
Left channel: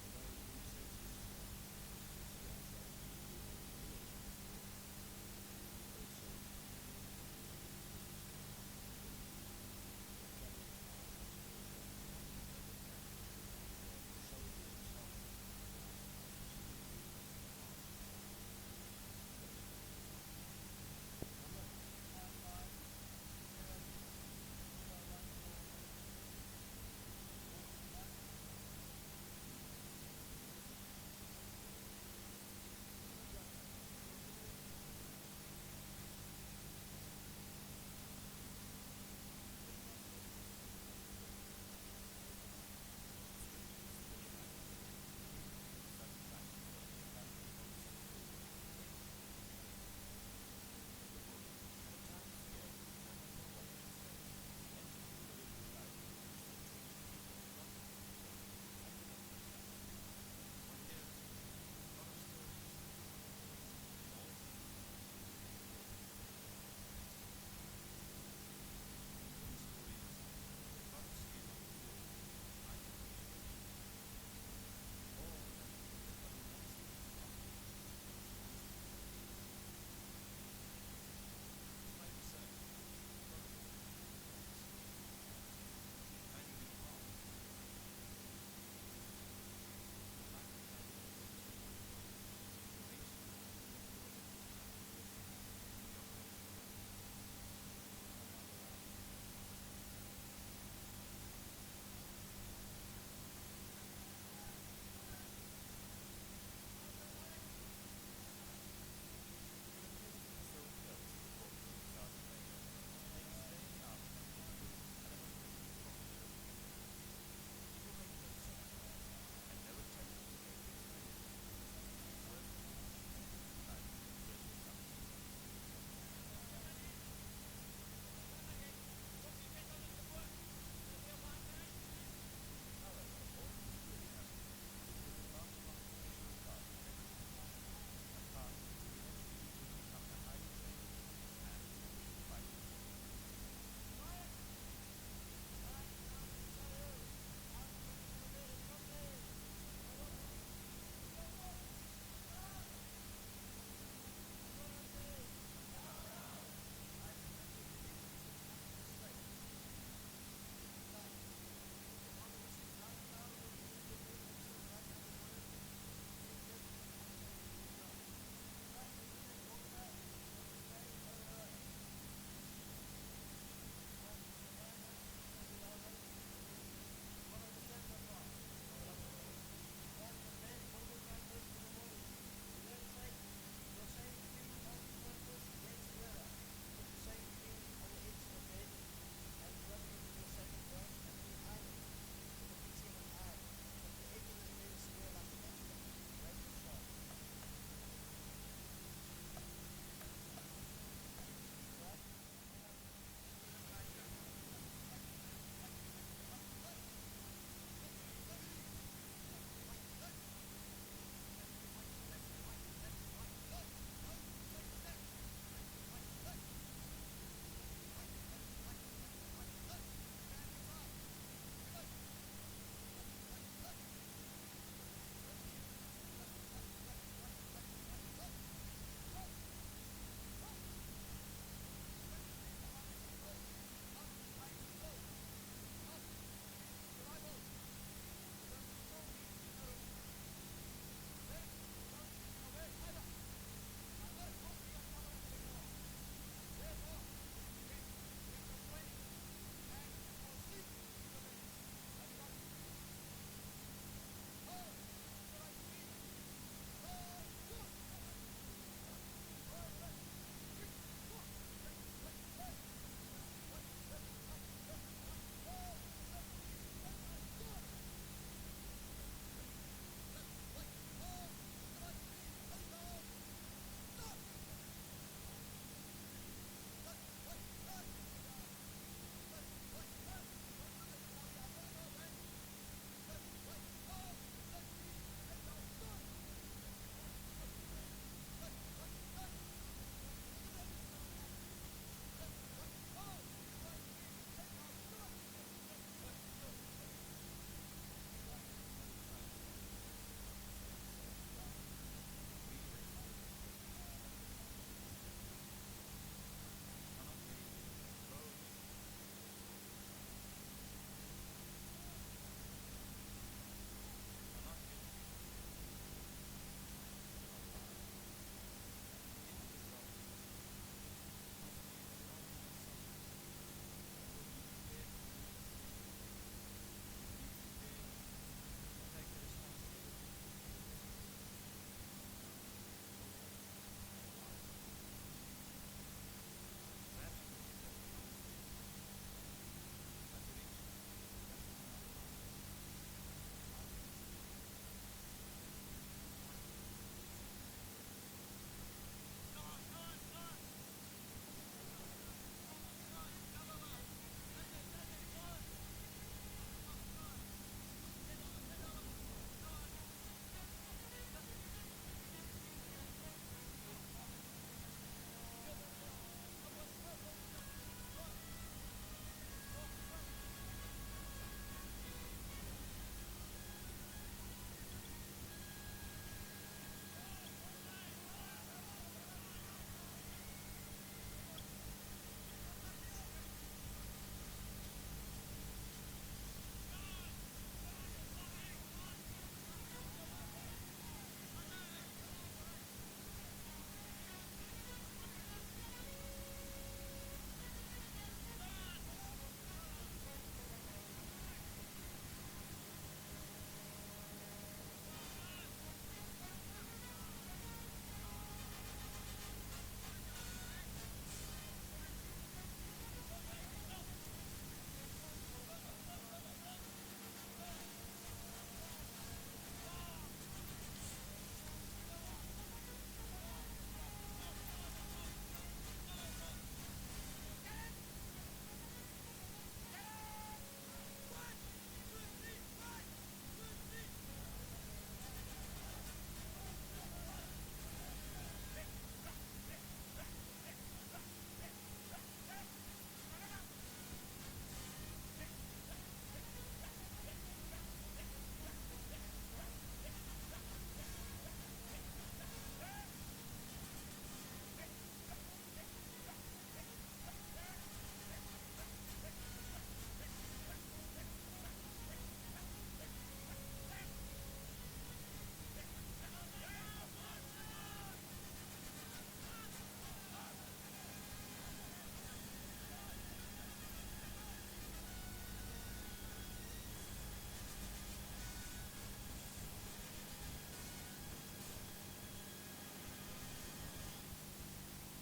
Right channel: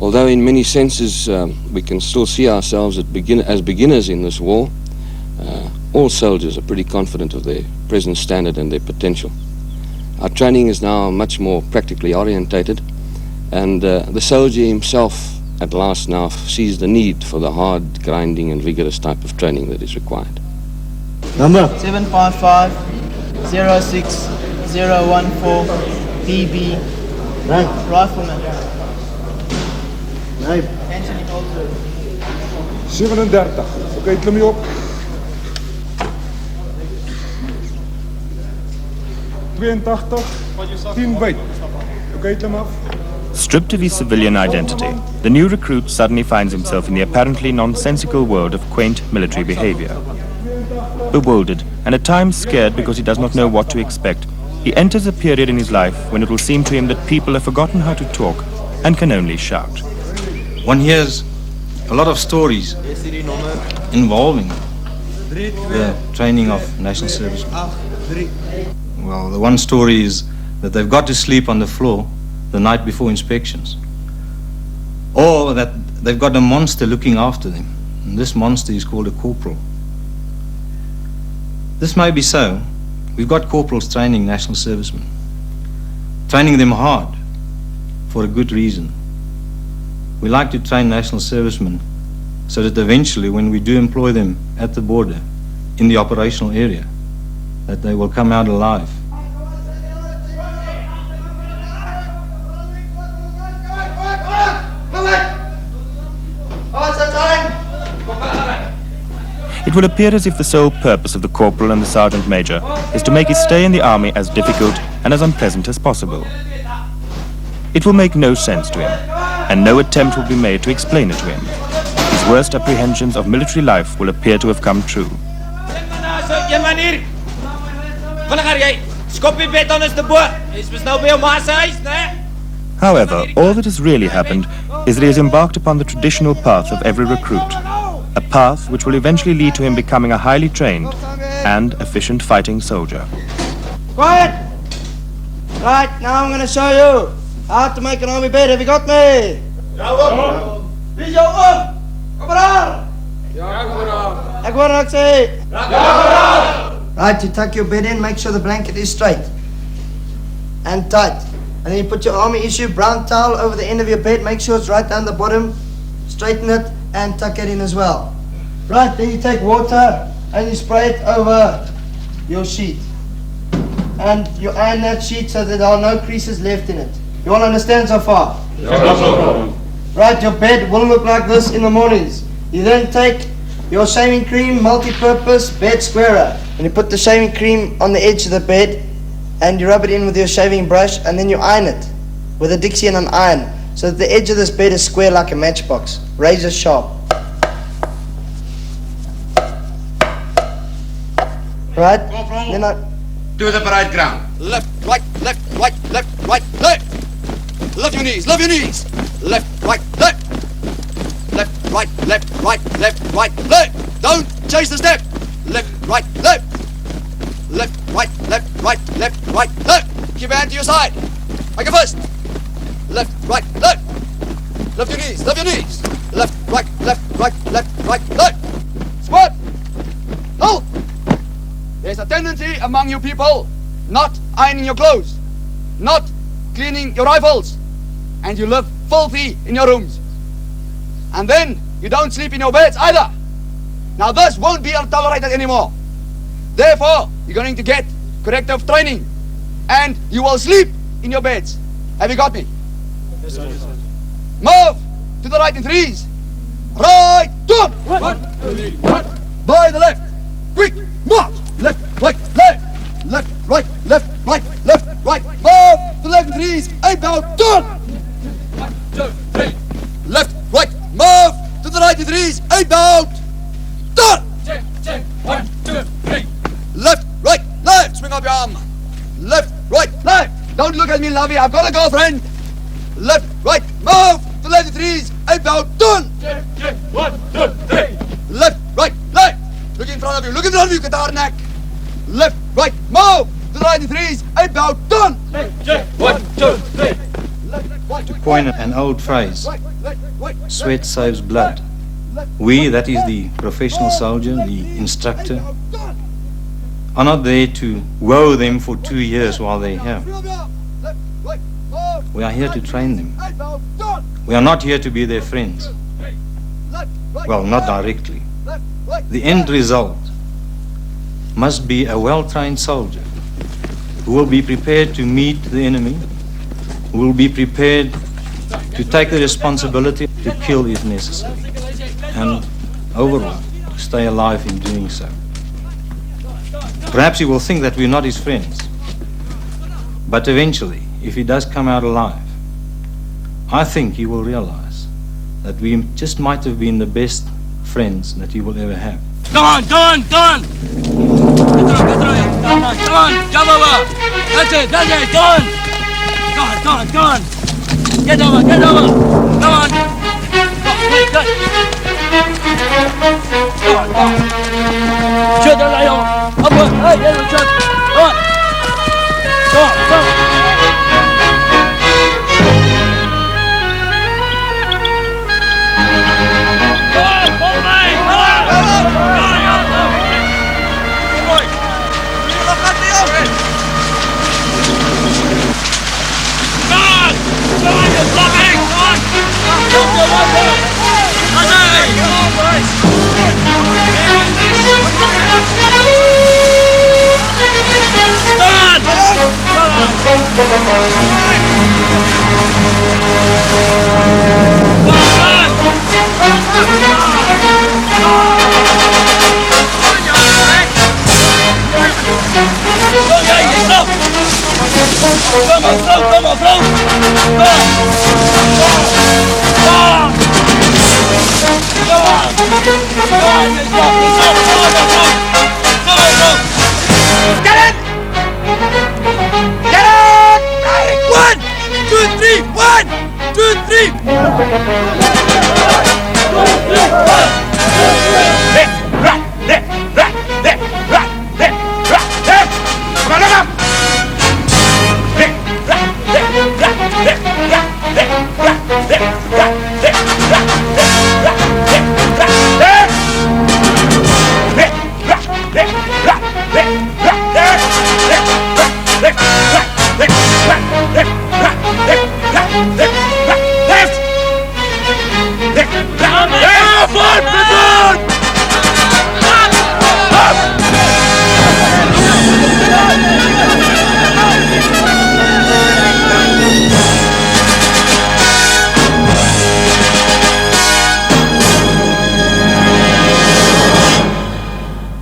Although in many senses we can still see ourselves as beginners in this war, all soldiers are pretty confident of their present standard and their potential. Our training is now much more practically orientated, and the soldier himself at last now sees the need for the hard, grinding and vigorous type of training that is required. Number 755 06 014 PB. Rifleman. Nee. 37. Oké, klim je op. Stripped of his civilian identity, the new recruit suddenly finds himself in the apparently nonsensical world of quaint military behavior. Bewildered and at times scared because he does not know what to expect, he enters a period in his life when it will seem to him that people have forgotten how to talk and can only shout. One hears a lot of stories involving the training of national servicemen. Well, the one story is that they've got to sleep on the floor the night before inspections, or that they've got a monster looking after them, and this monster is called a corporal. This may be so. We've got corporals training national servicemen, training them hard for a good reason. We like to train national servicemen so that eventually, when we do employ them at the border, in the operational area, that they will come out alive. It will appear as if the sole purpose of the corporal and the sergeant major is to make his stay in the army as difficult and as unpleasant as possible. It will make no sense to him, and no attempt will be made to explain it to him. His worst apprehensions of military life will appear to have come true. However, all that has really happened is that he has embarked upon the traditional path of every recruit, a path which will eventually lead to him becoming a highly trained and efficient fighting soldier. Quiet! Right, now I'm going to show you how to make an army bed. Have you got me? Wie jou om? Kamerad! Ek hoor wat sê. Right, you tuck your bed in, make sure the blanket is straight and tight. And then you put your army issue brown towel over the end of your bed, make sure it's right down the bottom, straighten it and tuck it in as well. Right, then you take water and you spray it over your sheet. And you iron that sheet so that there are no creases left in it. You all understand so far? Yes. Right, your bed will look like this in the mornings. You then take your shaving cream, multi-purpose bed squarer, and you put the shaving cream on the edge of the bed and you rub it in with your shaving brush and then you iron it with a Dixie and an iron so that the edge of this bed is square like a matchbox, razor sharp. Right? Then to the parade ground. Left, right, left, right, left, right, left. Love your knees, love your knees. Left, right, left. Left, right, left, right, left, right, left. Don't chase the step. Left, right, left. Left, right, left, right, left, right, left. Keep your hand to your side. Make a fist. Left, right, left. Love your knees, love your knees. Left, right, left, right, left, right, left. Squat. Hold. There's a tendency among you people not ironing your clothes, not cleaning your rifles, and you live filthy in your rooms. And then you don't sleep in your beds either. Now this won't be tolerated anymore. Therefore, you're going to get corrective training, and you will sleep in your beds. Have you got me? Yes, sir. Move to the right in threes. Right, turn. One. By the left. Quick, march. Left, right, left. Left, right, left, right, left, right. Move to the left in threes. Aim down, turn. 1, 2, 3. Left, right, move to the right in threes. Aim down, turn. Check. 1, 2, 3. Left, right, left. Swing up your arm. Left, right, left. Don't look at me, lovey. I've got a girlfriend. Left, right, move to the left in threes. Aim down, turn. Check. 1, 2, 3. Left, right, left. Look in front of you. Look in front of you, guitar neck. Left, right, move to the right in threes. Aim down, turn. Check. 1, 2, 3. To coin an old phrase, sweat saves blood. We, that is the professional soldier, the instructor, are not there to woe them for 2 years while they're here. We are here to train them. We are not here to be their friends. Well, not directly. The end result must be a well-trained soldier who will be prepared to meet the enemy, who will be prepared to take the responsibility to kill if necessary, and overall, to stay alive in doing so. Perhaps he will think that we're not his friends, but eventually, if he does come out alive, I think he will realize that we just might have been the best friends that he will ever have. Come on! Get on! Jump over! That's it! Come on! Get over! Come on! Go on!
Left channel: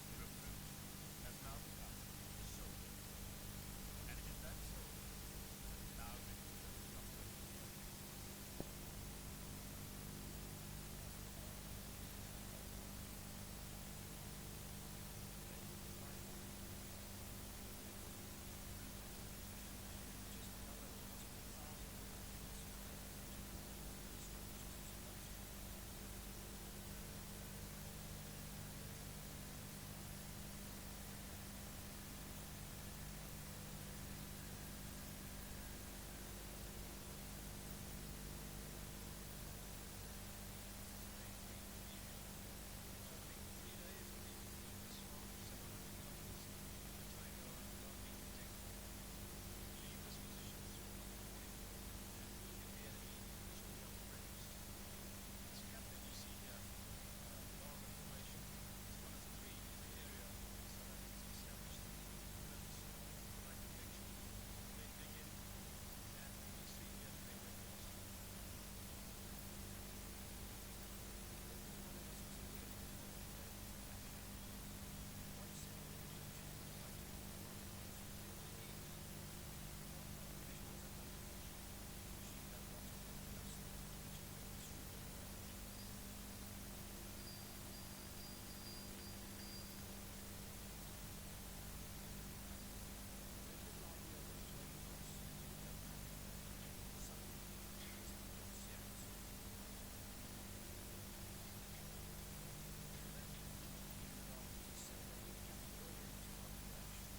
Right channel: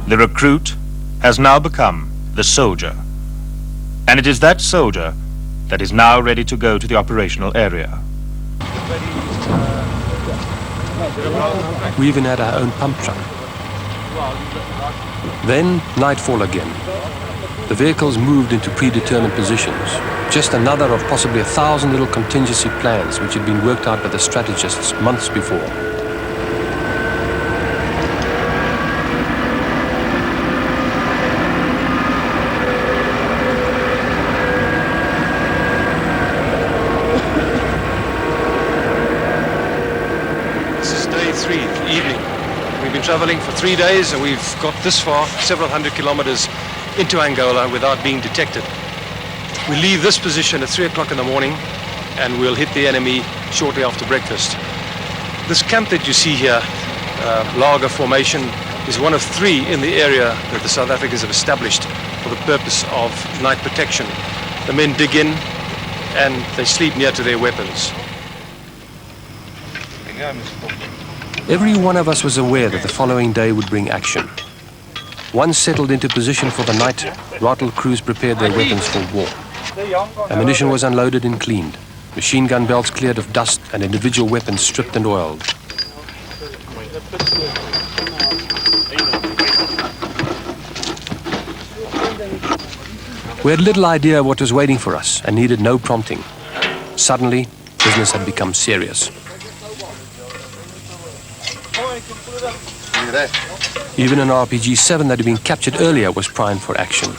The recruit has now become the soldier. And it is that soldier that is now ready to go to the operational area. We even had our own pump truck. Then nightfall again. The vehicles moved into predetermined positions. Just another of possibly 1,000 little contingency plans which had been worked out by the strategists months before. Traveling for 3 days, and we've got this far, several hundred kilometers into Angola without being detected. We leave this position at 3 o'clock in the morning, and we'll hit the enemy shortly after breakfast. This camp that you see here, Lager Formation, is one of 3 in the area that the South Africans have established for the purpose of night protection. The men dig in, and they sleep near to their weapons. Every one of us was aware that the following day would bring action. Once settled into position for the night, Rottle crews prepared their weapons for war. Ammunition was unloaded and cleaned, machine gun belts cleared of dust, and individual weapons stripped and oiled. We had little idea what was waiting for us and needed no prompting. Suddenly, business had become serious. Even an RPG-7 that had been captured earlier was primed for action.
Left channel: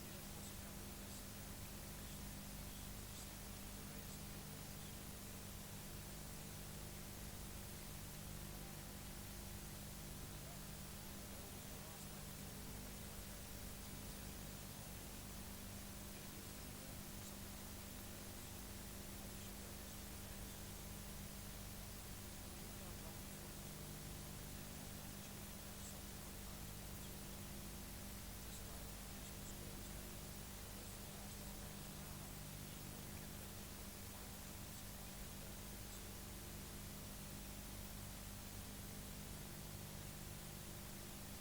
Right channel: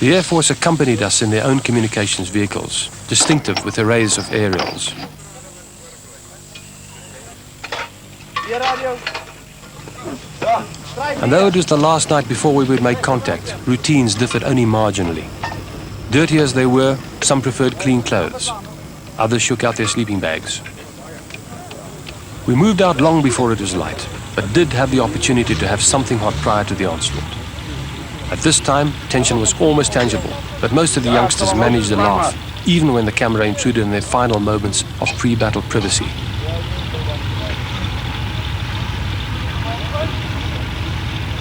The Air Force accompanied us in their own communications vehicles, distinctive with arrays of aerials. And though it was the last night before we would make contact, routines differed only marginally. Dirty as they were, some preferred clean clothes. Others shook out their sleeping bags. We moved out long before it was light, but did have the opportunity to have something hot prior to the onslaught. At this time, tension was almost tangible, but most of the youngsters managed to laugh, even when the camera intruded in their final moments of pre-battle privacy.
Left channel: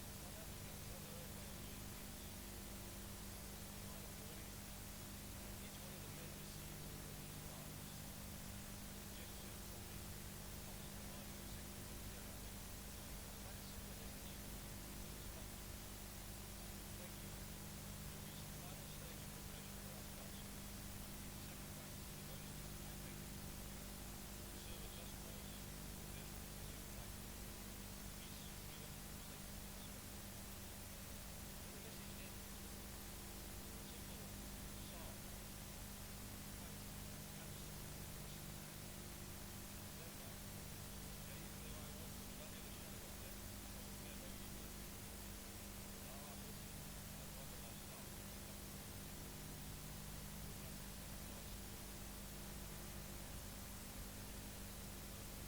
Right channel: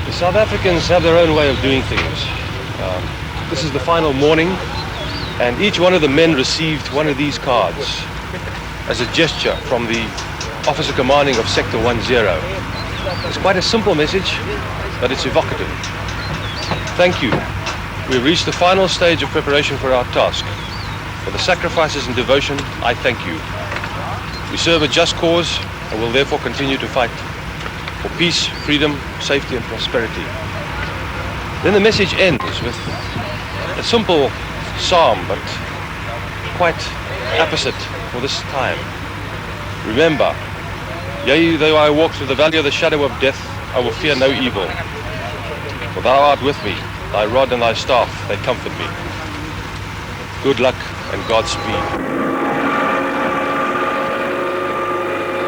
The South Africans have their own way of doing things. This is the final morning, and each one of the men received one of these cards as a gesture from the officer commanding of Sector 10. It's quite a simple message, but it's evocative. Thank you. We've reached the final stage of preparation for our task. For the sacrifices and devotion, I thank you. We serve a just cause and will therefore continue to fight. for peace, freedom, safety and prosperity. Then the message ends with a simple psalm, but quite apposite for this time. Remember, yea, though I walk through the valley of the shadow of death, I will fear no evil. For thou art with me, thy rod and thy staff, they comfort me. Good luck and Godspeed.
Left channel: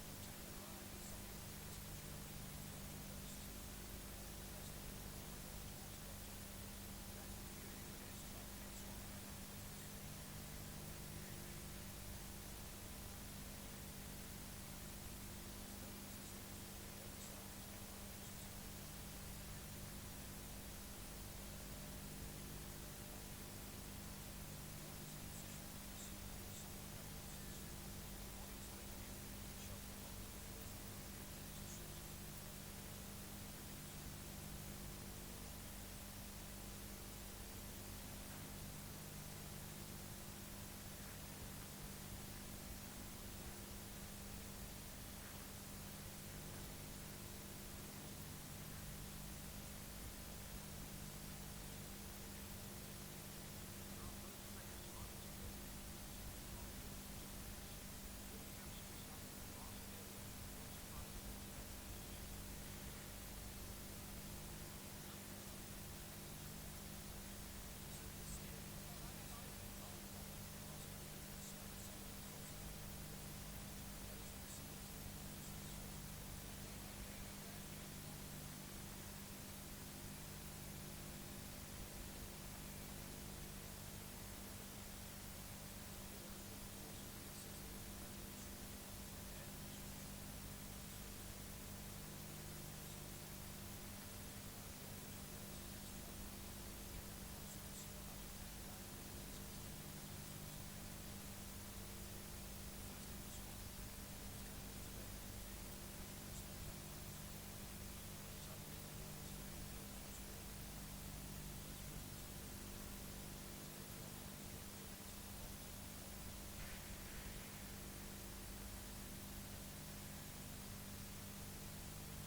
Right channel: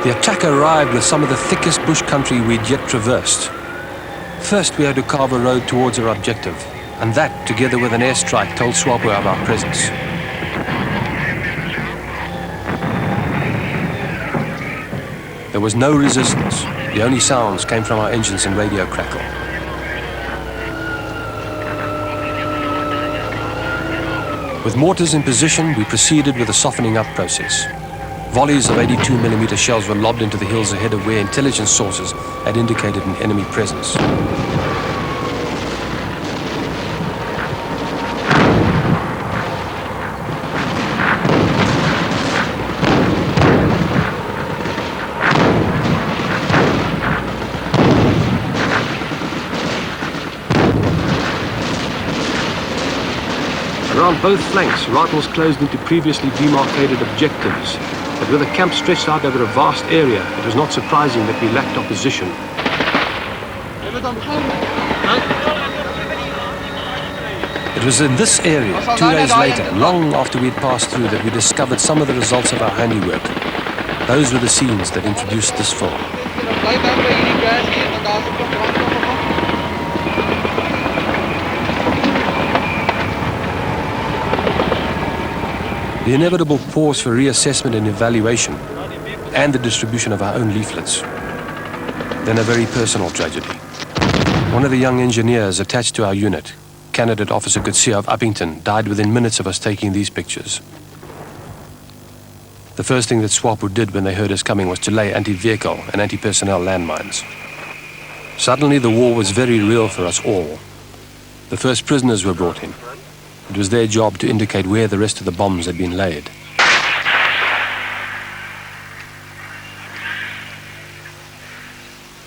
The attack arrived with some of the thickest bush country we'd yet traversed. First, we had to carve a road towards our objective, and that, together with an airstrike, told SWAPO of our presence. There was no resistance. The only sounds came from our engines and radio crackle. With mortars in position, we proceeded with the softening up process. Volleys of 82mm shells were lobbed into the hills ahead of where intelligence sources had indicated an enemy presence. Around both flanks, rifles closed into previously demarcated objectives. But with the camp stretched out over a vast area, it was not surprising that we lacked opposition. It was in this area, 2 days later, long after we'd passed through, that we discovered some of the results of our handiwork. Those were the scenes that introduced this film. The inevitable pause for reassessment and evaluation, and the distribution of our own leaflets. Then a very personal tragedy. One of the young engineers attached to our unit, Candidate Officer Gutsia of Uppington, died within minutes of us taking these pictures. The first thing that SWAPO did when they heard us coming was to lay anti-vehicle and anti-personnel landmines. Suddenly the war was very real for us all. The first prisoners were brought in. It was their job to indicate where the rest of the bombs had been laid.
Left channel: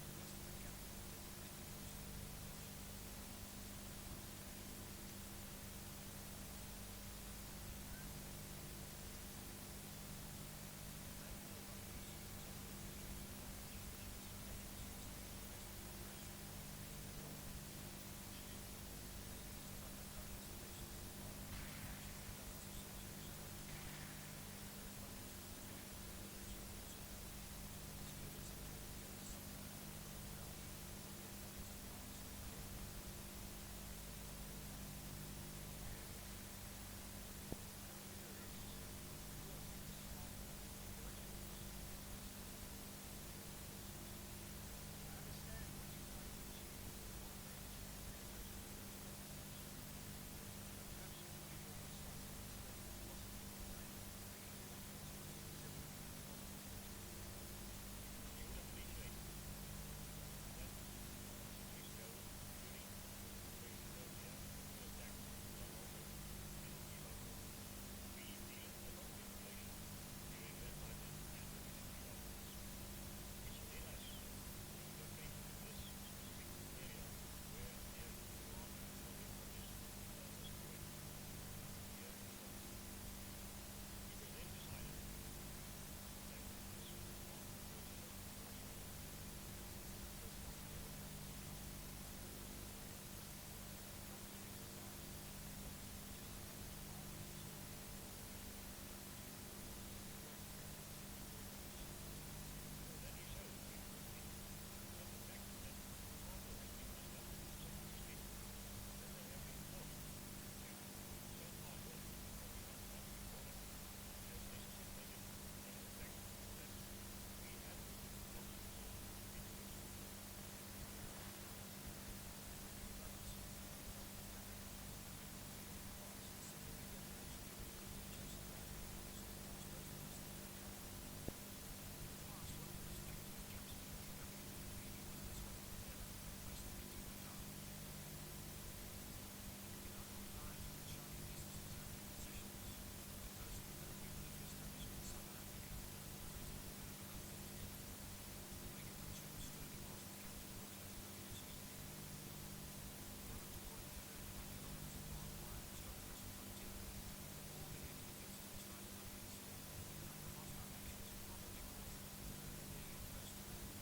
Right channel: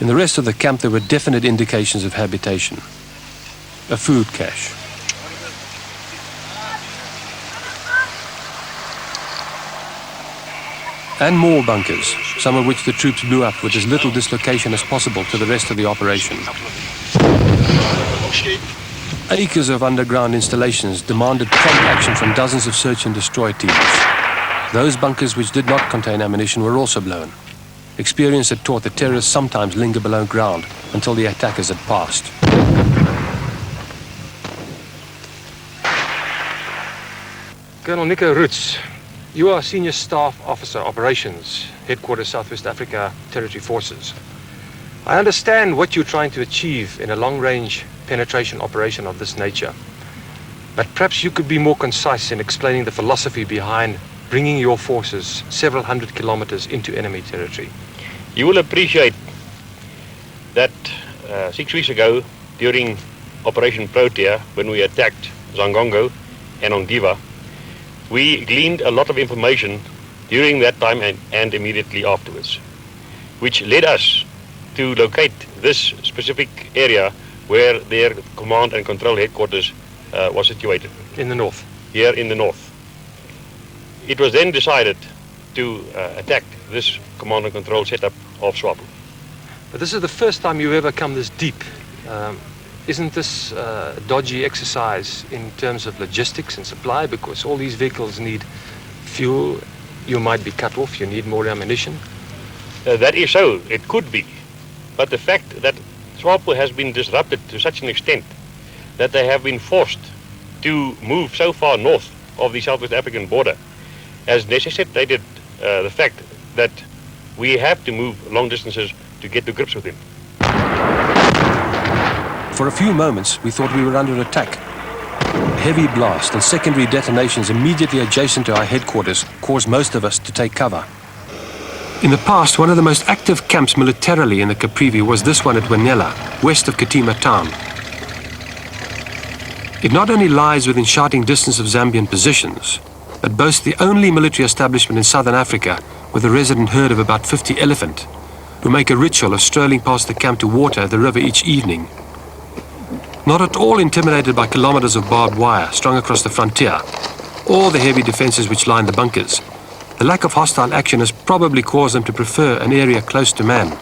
In the rest of the camp, there were definite indications of habitation. A food cache. And more bunkers, some of which the troops blew up with as little dislocation as possible to the rest of the operation. Acres of underground installations demanded prompt action from dozens of search and destroy teams. Those bunkers which did not contain ammunition were also blown. Experience had taught that terrorists sometimes linger below ground until the attackers had passed. Colonel Nico Roots, you are Senior Staff Officer Operations, Headquarters Southwest Africa Territory Forces. I understand what you're trying to achieve in a long-range penetration operation of this nature. But perhaps you could be more concise in explaining the philosophy behind bringing your forces several hundred kilometers into enemy territory. You will appreciate that 6 weeks ago, during Operation Protea, when we attacked Zangongo and Ondiva, we gleaned a lot of information during that time and immediately afterwards, which led us to locate this specific area where their command and control headquarters was situated. In the north? Here in the north. It was then decided to attack this command and control setup of SWAPO. But this is the first time you've ever come this deep. Isn't this a dodgy exercise in terms of logistics and supply? Because all these vehicles need fuel, you might be cut off, you need more ammunition. That is so, it could be. But the fact that SWAPO has been disrupted to such an extent that they have been forced to move so far north of the Southwest African border has necessitated the fact that we have to move long distances to get to grips with him. For a few moments, we thought we were under attack. A heavy blast and secondary detonations immediately adjacent to our headquarters caused most of us to take cover. In the past, one of the most active camps militarily in the Caprivi was this one at Wanela, west of Katima town. It not only lies within shouting distance of Zambian positions, but boasts the only military establishment in southern Africa with a resident herd of about 50 elephant, who make a ritual of strolling past the camp to water the river each evening. Not at all intimidated by kilometers of barbed wire strung across the frontier, or the heavy defenses which line the bunkers, the lack of hostile action has probably caused them to prefer an area close to man.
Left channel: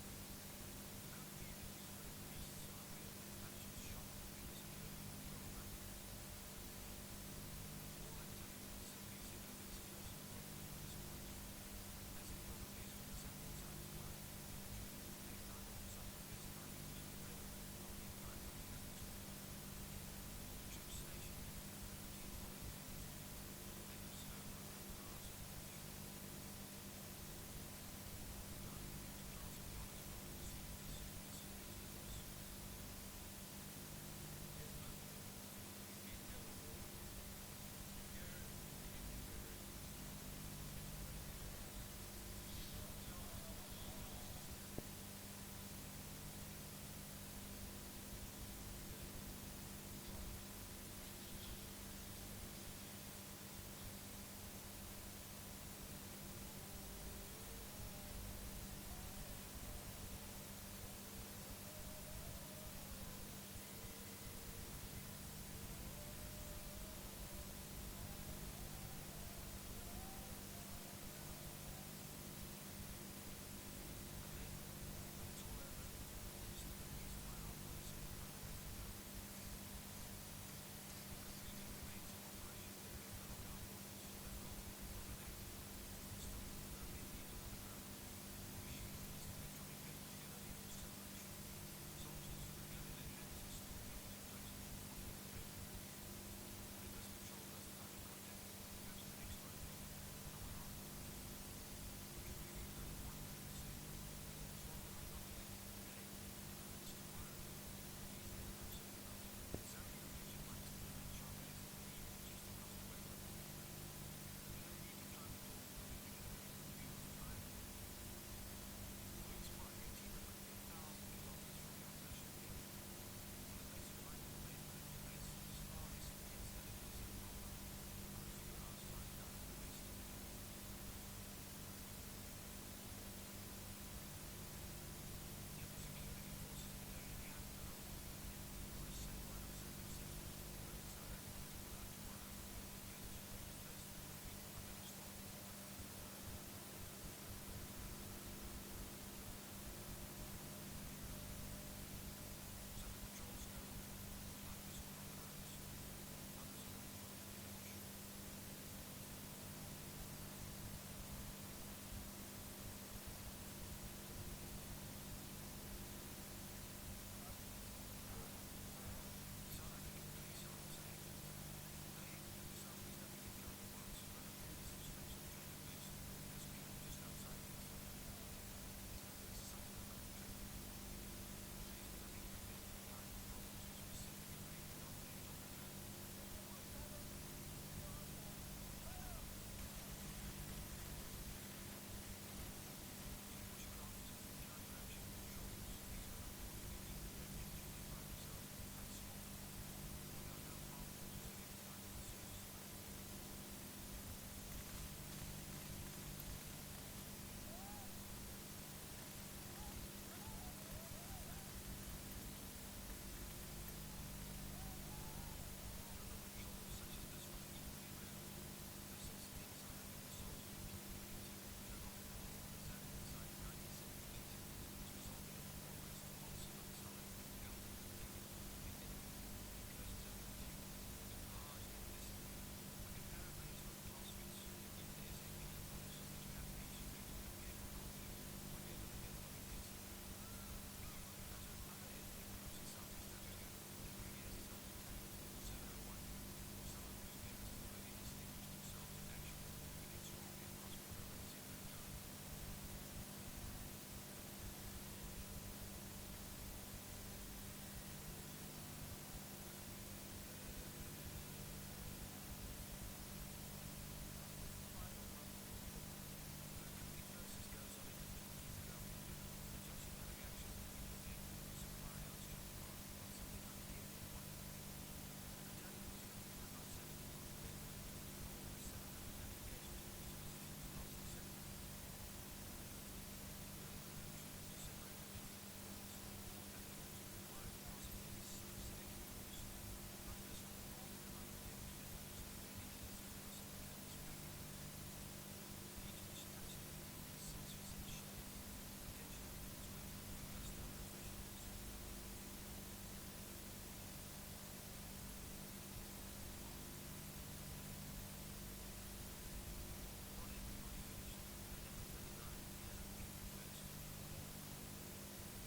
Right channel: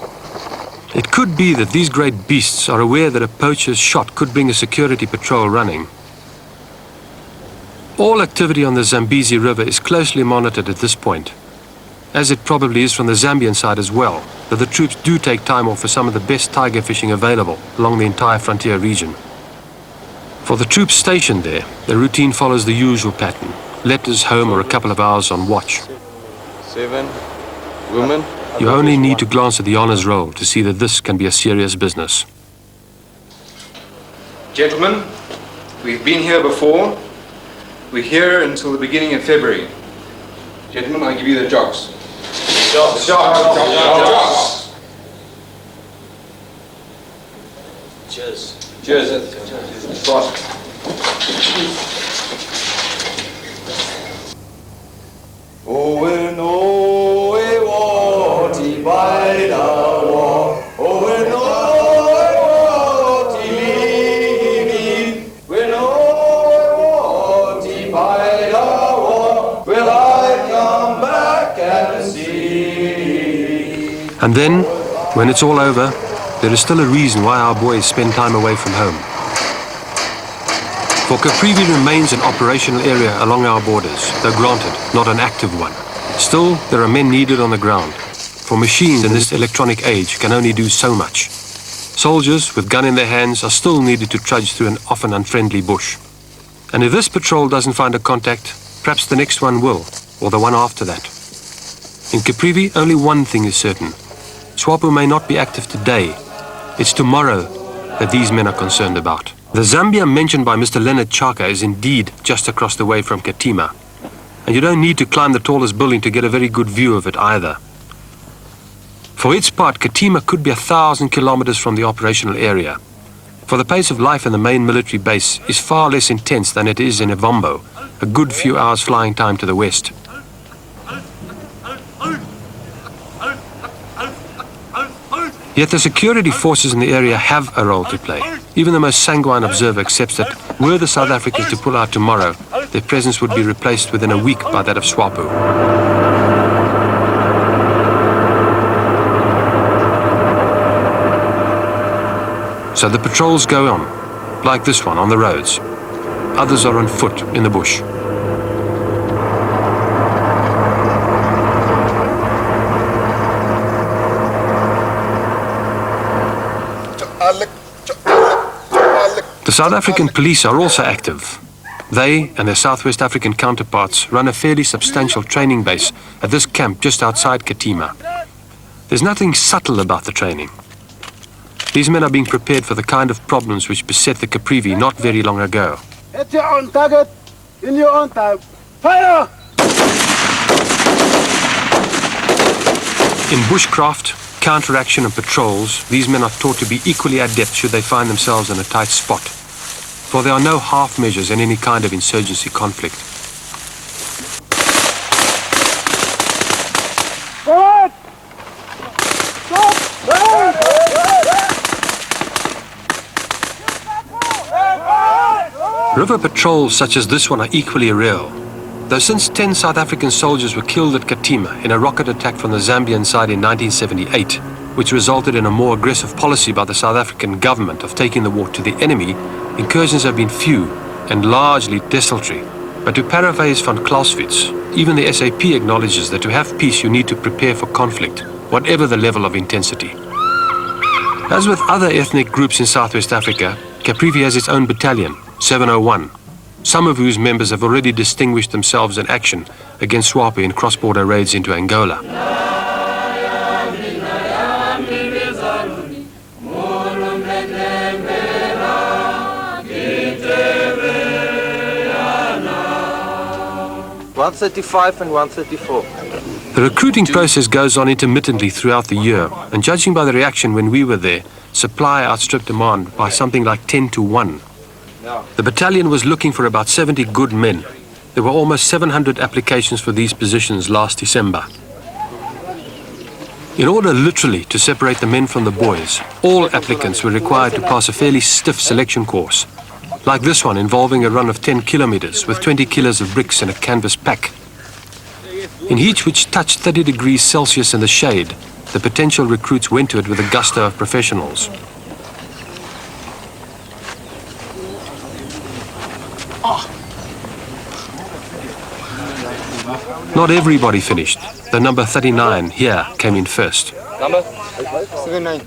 It could be that these great beasts are aware that a poacher's shot could bring a security patrol running. All activity on the Zambezi River is closely monitored at this point, as it probably is from the Zambian side as well, that the troops do take time off for some of the best tiger fishing available along the entire frontier region. For the troops stationed there, the routine follows the usual pattern: letters, home, or a couple of hours on watch. 7 women. You only need to glance at the honours roll to see that this can be a serious business. Gentlemen, we've been here before. We're here until the beginning of February. Gentlemen, I give you the jogs. Jogs. Cheers. Cheers. Prost. And then, when it's all over, there is still a reason why our boys spend time away from home. For Caprivi remains an operational area along our borders, though granted, not an active one. Still, there are men needed on the ground, for machines in this electronic age can only do so much. Soldiers with gun in their hands are still needed to trudge through an often unfriendly bush. And if this patrol doesn't find a contact, perhaps the next one will, or the one after that. In Caprivi, only one thing is certain. SWAPO may not be active today. It's tomorrow that these men are concerned about. The Zambia mentioned by Mr. Leonard Chaka is indeed just across the way from Katima. And you don't need to climb the tallest building to get a very good view of it either. For its part, Katima could be 1,000 kilometers from the operational area. For the pace of life in the main military base is far less intense than it is in Evambo, a good few hours flying time to the west. Yet the security forces in the area have a role to play. Even the most sanguine observer accepts that were the South Africans to pull out tomorrow, their presence would be replaced within a week by that of SWAPO. So the patrols go on, like this one on the roads. Others are on foot in the bush. The South African police are also active. They and their Southwest African counterparts run a fairly substantial training base at this camp just outside Katima. There's nothing subtle about the training. These men are being prepared for the kind of problems which beset the Caprivi not very long ago. Hit your own target in your own time. Fire! In bushcraft, counteraction and patrols, these men are taught to be equally adept should they find themselves in a tight spot. For there are no half measures in any kind of insurgency conflict. Forward! Stop! River patrols such as this one are equally real. Though since 10 South African soldiers were killed at Katima in a rocket attack from the Zambian side in 1978, which resulted in a more aggressive policy by the South African government of taking the war to the enemy, incursions have been few and largely desultory. But to paraphrase van Clausewitz, even the SAP acknowledges that to have peace you need to prepare for conflict, whatever the level of intensity. As with other ethnic groups in Southwest Africa, Caprivi has its own battalion, 701, some of whose members have already distinguished themselves in action against SWAPO in cross-border raids into Angola. $135 and $134. The recruiting process goes on intermittently throughout the year, and judging by the reaction when we were there, supply outstripped demand by something like 10 to 1. The battalion was looking for about 70 good men. There were almost 700 applications for these positions last December. In order literally to separate the men from the boys, all applicants were required to pass a fairly stiff selection course, like this one involving a run of 10 kilometers with 20 kilos of bricks in a canvas pack. In heat which touched 30 degrees Celsius in the shade, the potential recruits went to it with a gusto of professionals. Not everybody finished. The number 39 here came in first. Number 39.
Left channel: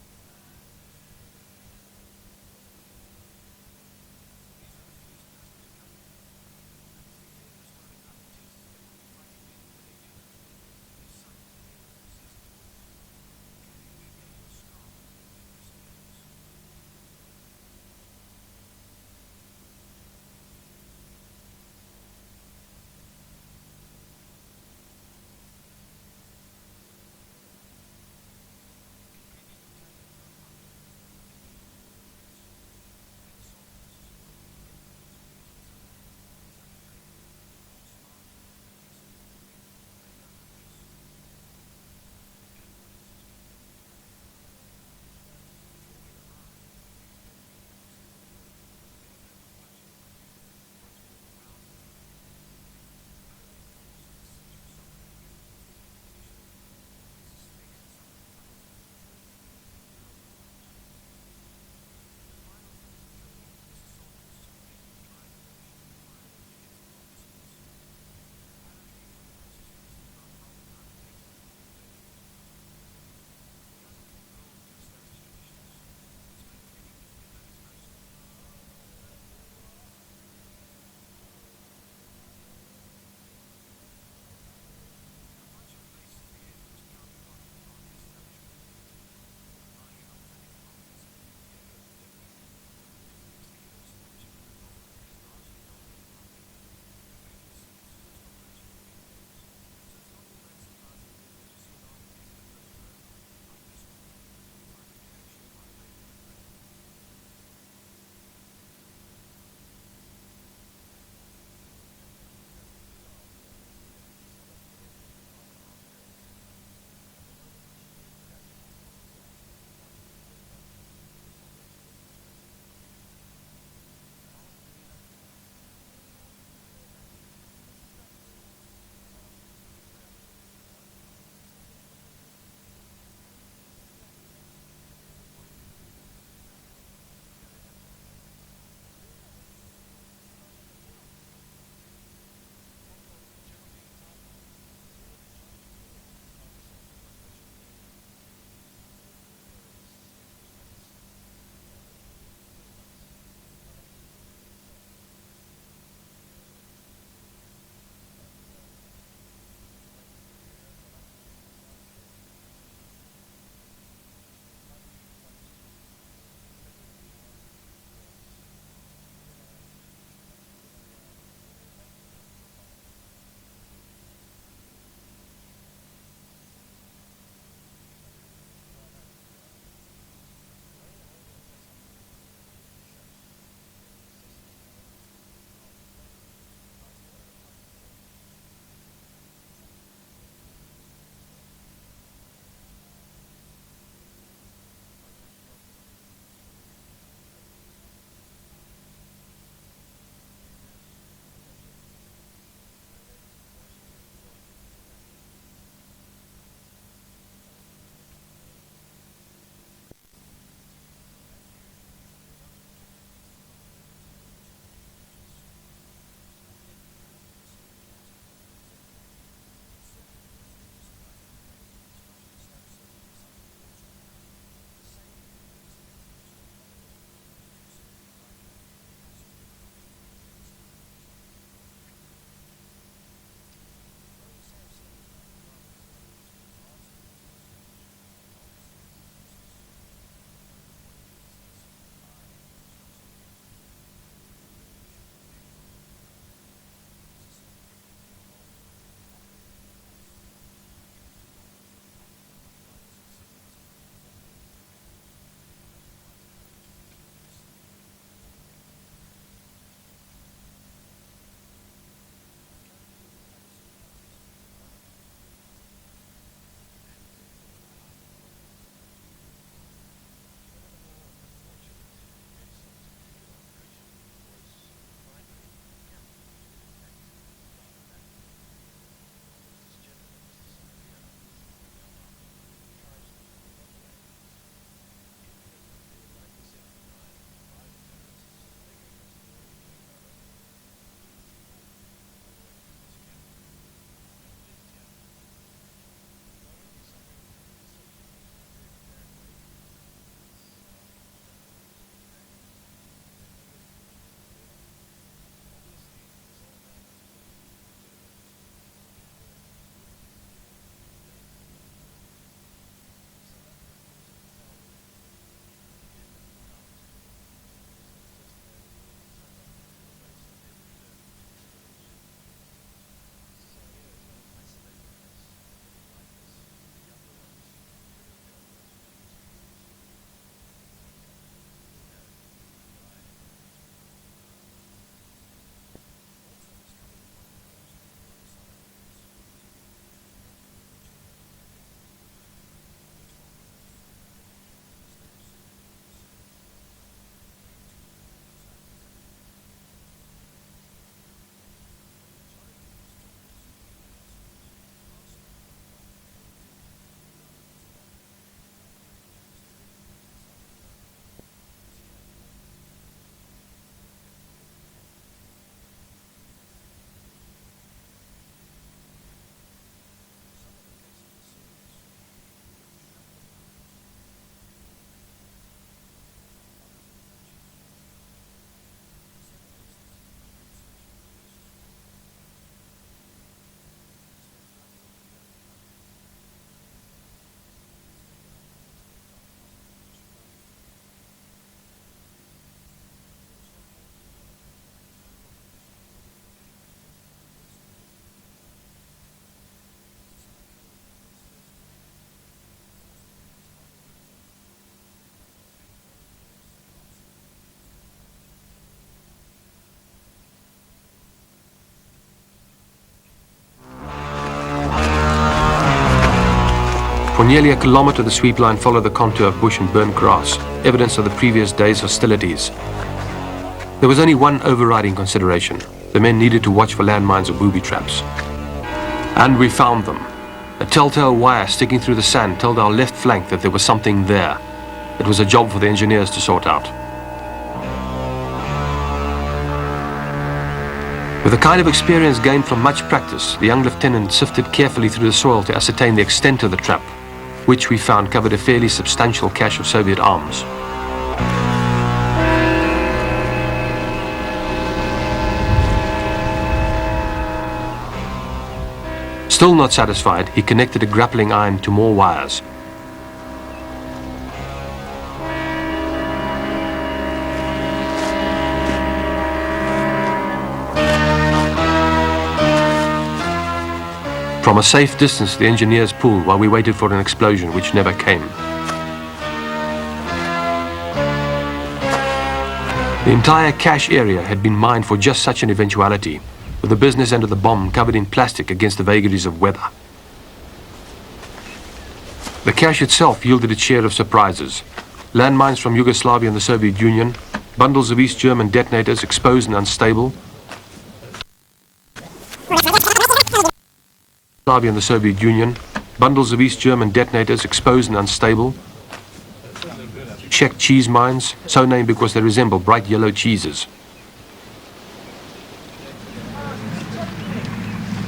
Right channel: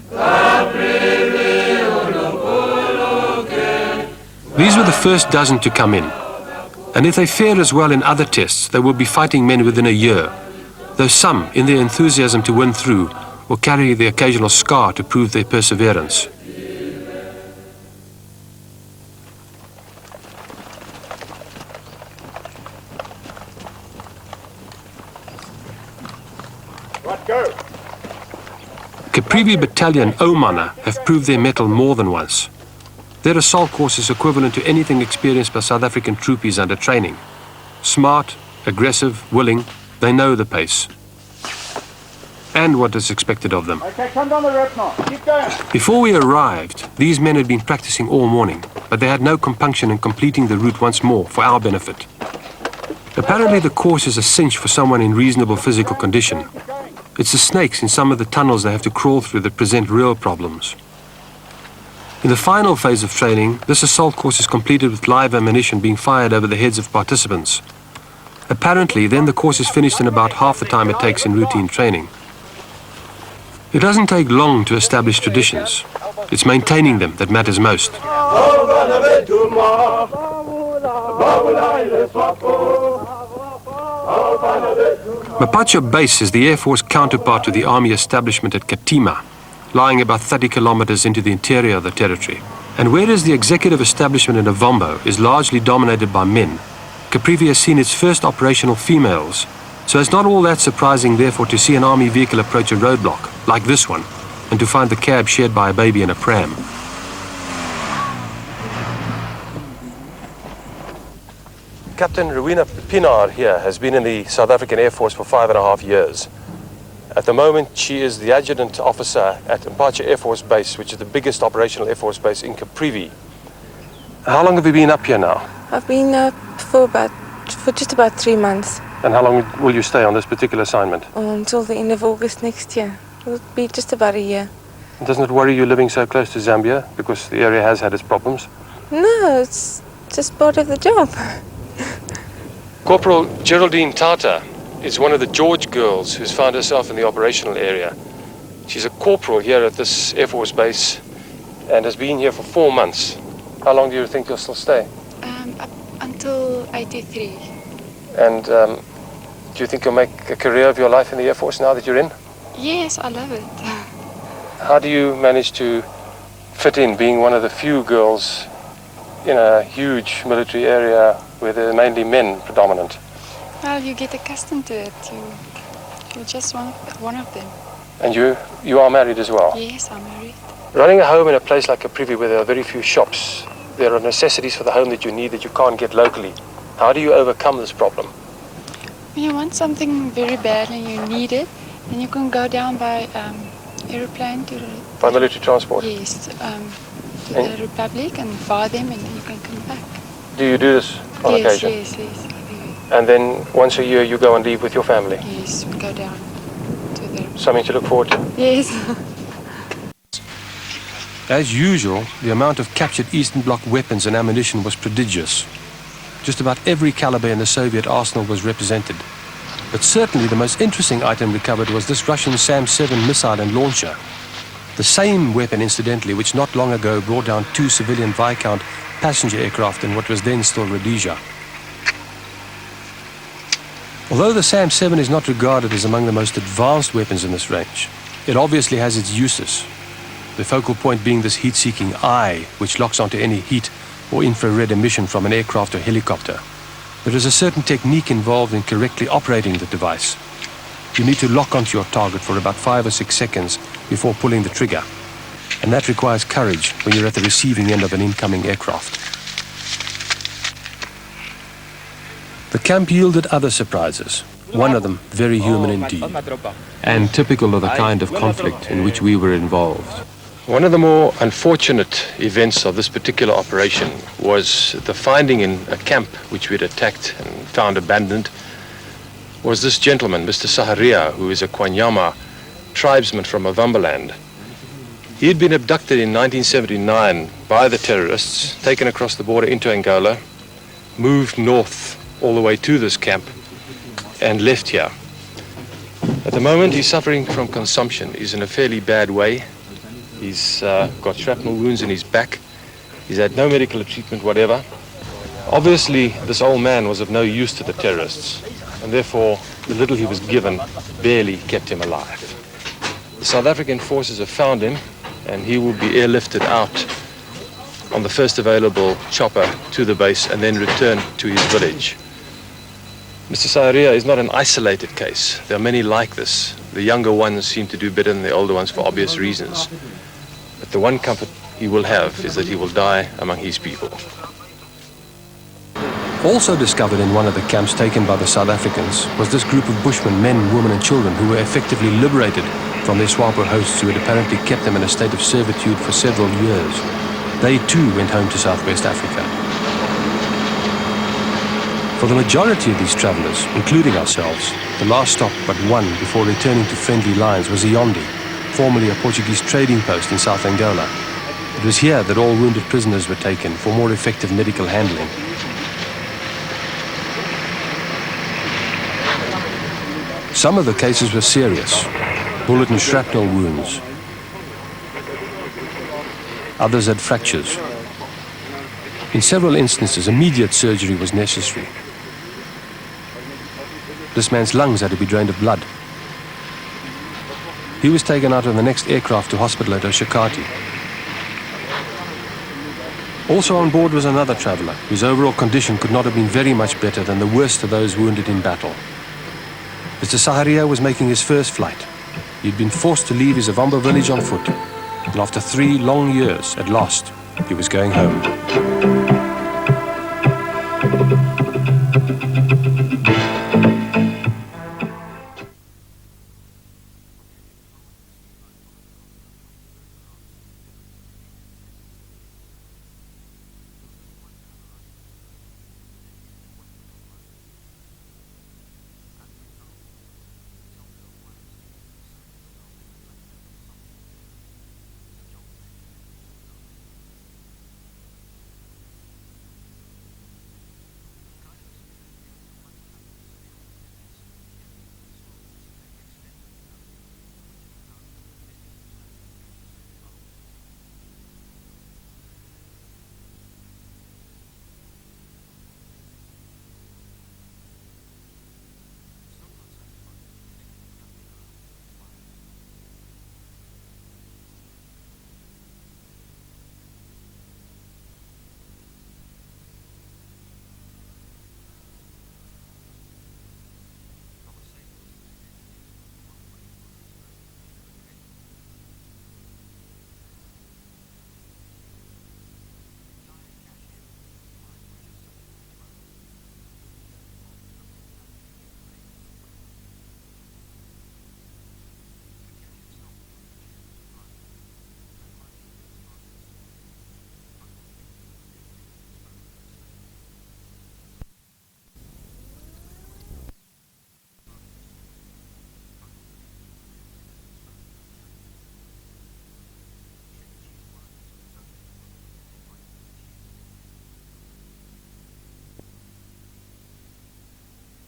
These were the first dozen to come in. And if they fare as well in other tests, they will be fighting men within a year, though some, in their enthusiasm to win through, will carry the occasional scar to prove their perseverance. Caprivi Battalion Omana have proved their mettle more than once. Their assault course is equivalent to anything experienced by South African troopies under training. Smart, aggressive, willing, they know the pace and what is expected of them. Okay, come down the rope now. Keep going. Before we arrived, these men had been practicing all morning, but they had no compunction in completing the route once more for our benefit. Apparently the course is a cinch for someone in reasonable physical condition. It's the snakes in some of the tunnels they have to crawl through that present real problems. In the final phase of training, this assault course is completed with live ammunition being fired over the heads of participants. Apparently, then the course is finished in about half the time it takes in routine training. It doesn't take long to establish traditions. It's maintaining them that matters most. Mapacho Base is the Air Force counterpart to the Army establishment at Katima, lying about 30 kilometers into the interior of the territory. And whereas the executive establishment in Ovambo is largely dominated by men, Caprivi has seen its first operational females, so it's not all that surprising therefore to see an army vehicle approach a roadblock, like this one, and to find the cab shared by a baby in a pram. Captain Rowena Pienaar here has been in the South African Air Force for 5.5 years. At the moment, she is the adjutant officer at Mpacha Air Force Base, which is the biggest operational Air Force base in Caprivi. How long have you been up here now? I've been for just about 3 months. And how long will you stay on this particular assignment? Until the end of August next year. It'll be just about a year. Doesn't it worry you living so close to Zambia, because the area has had its problems? No, it's just part of the job. Corporal Geraldine Tata is one of the George girls who's found herself in the operational area. She's a corporal here at this Air Force base and has been here for 4 months. How long do you think you'll still stay? Up until 83. And do you think you'll make a career of your life in the Air Force now that you're in? Yes, I love it. How do you manage to fit in, being one of the few girls in a huge military area where there are mainly men predominant? Well, you get accustomed to it. You're just one of them. And you are married as well? Yes, I'm married. Running a home in a place like Caprivi where there are very few shops, there are necessities for the home that you need that you can't get locally. How do you overcome this problem? When you want something very bad and you need it, then you can go down by aeroplane to... By military transport? Yes, to the Republic and buy them and then you can come back. Do you do this on occasion? Yes, I do. And then once a year you go and leave with your family? Yes, we go down to the... Something to look forward to? Yes. As usual, the amount of captured Eastern Bloc weapons and ammunition was prodigious. Just about every caliber in the Soviet arsenal was represented. But certainly the most interesting item recovered was this Russian Sam-7 missile and launcher. The same weapon, incidentally, which not long ago brought down 2 civilian Viscount passenger aircraft in what was then still Rhodesia. Although the Sam-7 is not regarded as among the most advanced weapons in this range, it obviously has its uses. The focal point being this heat-seeking eye, which locks onto any heat or infrared emission from an aircraft or helicopter. There is a certain technique involved in correctly operating the device. You need to lock onto your target for about 5 or 6 seconds before pulling the trigger. And that requires courage when you're at the receiving end of an incoming aircraft. The camp yielded other surprises. one of them very human indeed, and typical of the kind of conflict in which we were involved. One of the more unfortunate events of this particular operation was the finding in a camp which we had attacked and found abandoned was this gentleman, Mr. Saharia, who is a Kwanyama tribesman from Avambaland. He had been abducted in 1979 by the terrorists, taken across the border into Angola, moved north all the way to this camp, and left here. At the moment, he's suffering from consumption. He's in a fairly bad way. He's got shrapnel wounds in his back. He's had no medical treatment whatever. Obviously, this old man was of no use to the terrorists, and therefore the little he was given barely kept him alive. The South African forces have found him, and he will be airlifted out on the first available chopper to the base and then return to his village. Mr. Saharia is not an isolated case. There are many like this. The younger ones seem to do better than the older ones for obvious reasons. But the one comfort he will have is that he will die among his people. Also discovered in one of the camps taken by the South Africans was this group of Bushmen, men, women and children who were effectively liberated from their Swapo hosts who had apparently kept them in a state of servitude for several years. They too went home to Southwest Africa. For the majority of these travellers, including ourselves, the last stop but one before returning to friendly lines was Yaoundé, formerly a Portuguese trading post in South Angola. It was here that all wounded prisoners were taken for more effective medical handling. Some of the cases were serious, bullet and shrapnel wounds. Others had fractures. In several instances, immediate surgery was necessary. This man's lungs had to be drained of blood. He was taken out on the next aircraft to hospital at Oshakati. Also on board was another traveller, whose overall condition could not have been very much better than the worst of those wounded in battle. Mr. Saharia was making his first flight. He'd been forced to leave his Avamba village on foot, and after 3 long years, at last, he was going home. For nearly a kilometre, the sweep line followed the contour of bush and burnt grass, evidence of the previous day's hostilities. There was only one overriding consideration. The men needed to watch for landmines or booby traps. And we found them. A telltale wire sticking through the sand told our left flank that there was something there. It was a job for the engineers to sort out. With the kind of experience gained from much practice, the young lieutenant sifted carefully through the soil to ascertain the extent of the trap, which we found covered a fairly substantial cache of Soviet arms. Still not satisfied, he connected a grappling iron to more wires. From a safe distance, the engineers pulled while we waited for an explosion, which never came. The entire cache area had been mined for just such an eventuality, with the business end of the bomb covered in plastic against the vagaries of weather. The cache itself yielded its share of surprises. Landmines from Yugoslavia and the Soviet Union, bundles of East German detonators exposed and unstable, Yugoslavia and the Soviet Union, bundles of East German detonators exposed and unstable, Czech cheese mines, so named because they resemble bright yellow cheeses.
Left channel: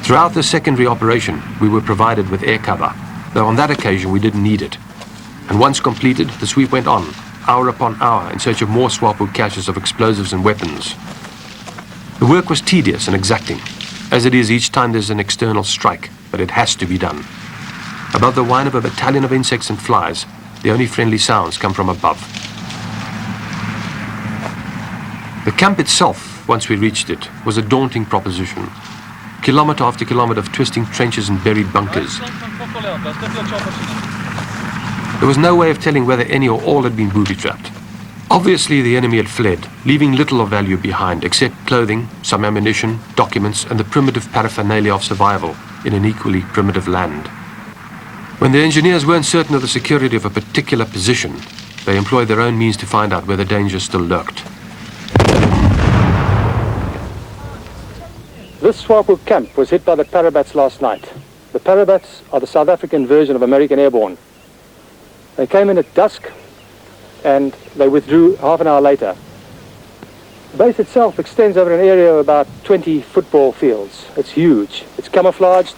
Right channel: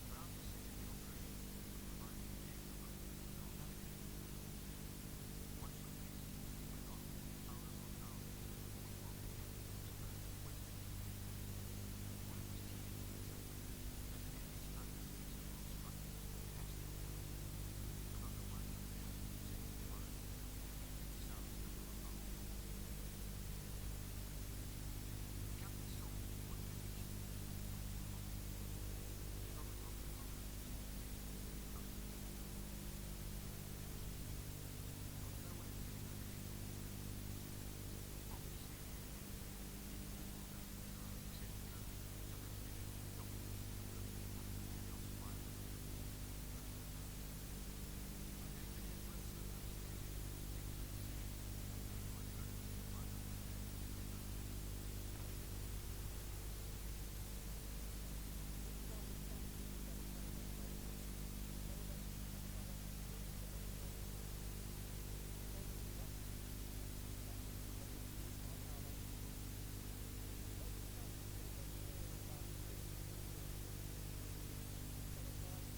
Throughout the secondary operation, we were provided with air cover, though on that occasion we didn't need it. And once completed, the sweep went on, hour upon hour, in search of more Swapo caches of explosives and weapons. The work was tedious and exacting, as it is each time there's an external strike, but it has to be done. Above the whine of a battalion of insects and flies, the only friendly sounds come from above. The camp itself, once we reached it, was a daunting proposition. Kilometre after kilometre of twisting trenches and buried bunkers. There was no way of telling whether any or all had been booby-trapped. Obviously, the enemy had fled, leaving little of value behind except clothing, some ammunition, documents, and the primitive paraphernalia of survival, in an equally primitive land. When the engineers weren't certain of the security of a particular position, they employed their own means to find out where the danger still lurked. This Swapo camp was hit by the Parabats last night. The Parabats are the South African version of American Airborne. They came in at dusk and they withdrew half an hour later. The base itself extends over an area of about 20 football fields. It's huge, it's camouflaged,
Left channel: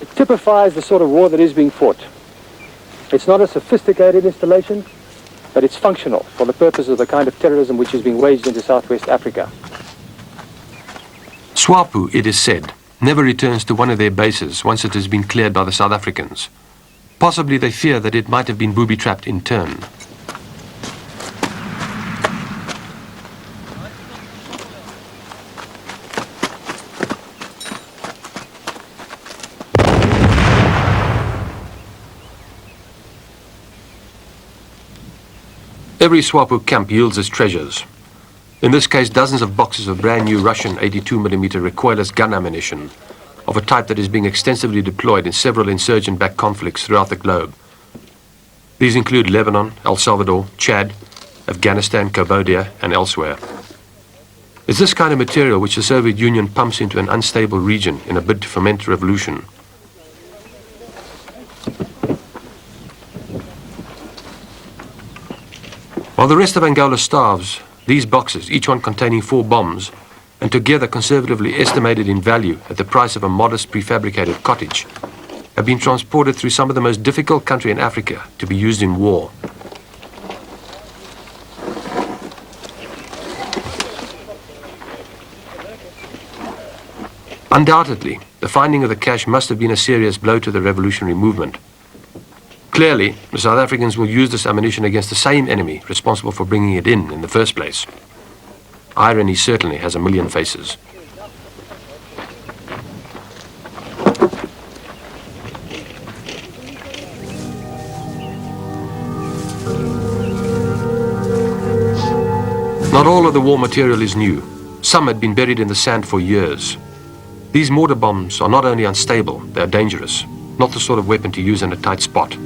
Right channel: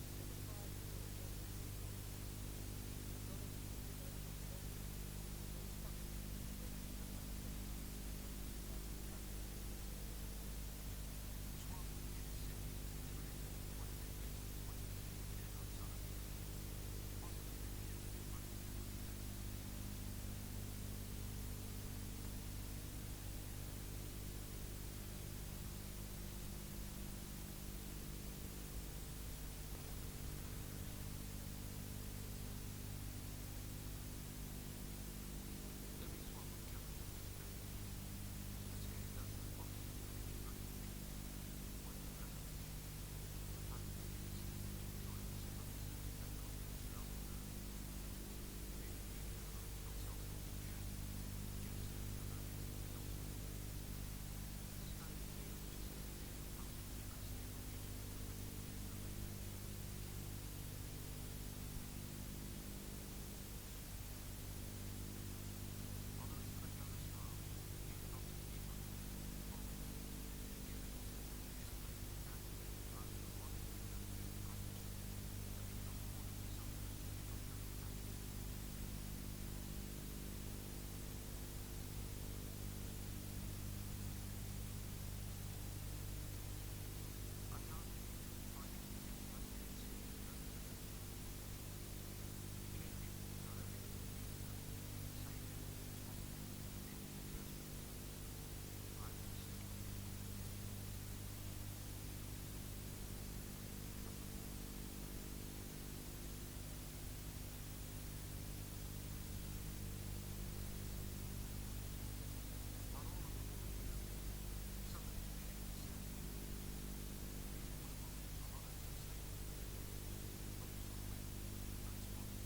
it typifies the sort of war that is being fought. It's not a sophisticated installation, but it's functional for the purpose of the kind of terrorism which is being waged into Southwest Africa. Swapo, it is said, never returns to one of their bases once it has been cleared by the South Africans. Possibly they fear that it might have been booby-trapped in turn. Every Swapo camp yields its treasures. In this case, dozens of boxes of brand new Russian 82mm recoilless gun ammunition of a type that is being extensively deployed in several insurgent-backed conflicts throughout the globe. These include Lebanon, El Salvador, Chad, Afghanistan, Cambodia, and elsewhere. It's this kind of material which the Soviet Union pumps into an unstable region in a bid to foment revolution. While the rest of Angola starves, these boxes, each one containing 4 bombs, and together conservatively estimated in value at the price of a modest prefabricated cottage, have been transported through some of the most difficult country in Africa to be used in war. Undoubtedly, the finding of the cache must have been a serious blow to the revolutionary movement. Clearly, the South Africans will use this ammunition against the same enemy responsible for bringing it in the first place. Irony certainly has a million faces. Not all of the war material is new. Some had been buried in the sand for years. These mortar bombs are not only unstable, they are dangerous, not the sort of weapon to use in a tight spot.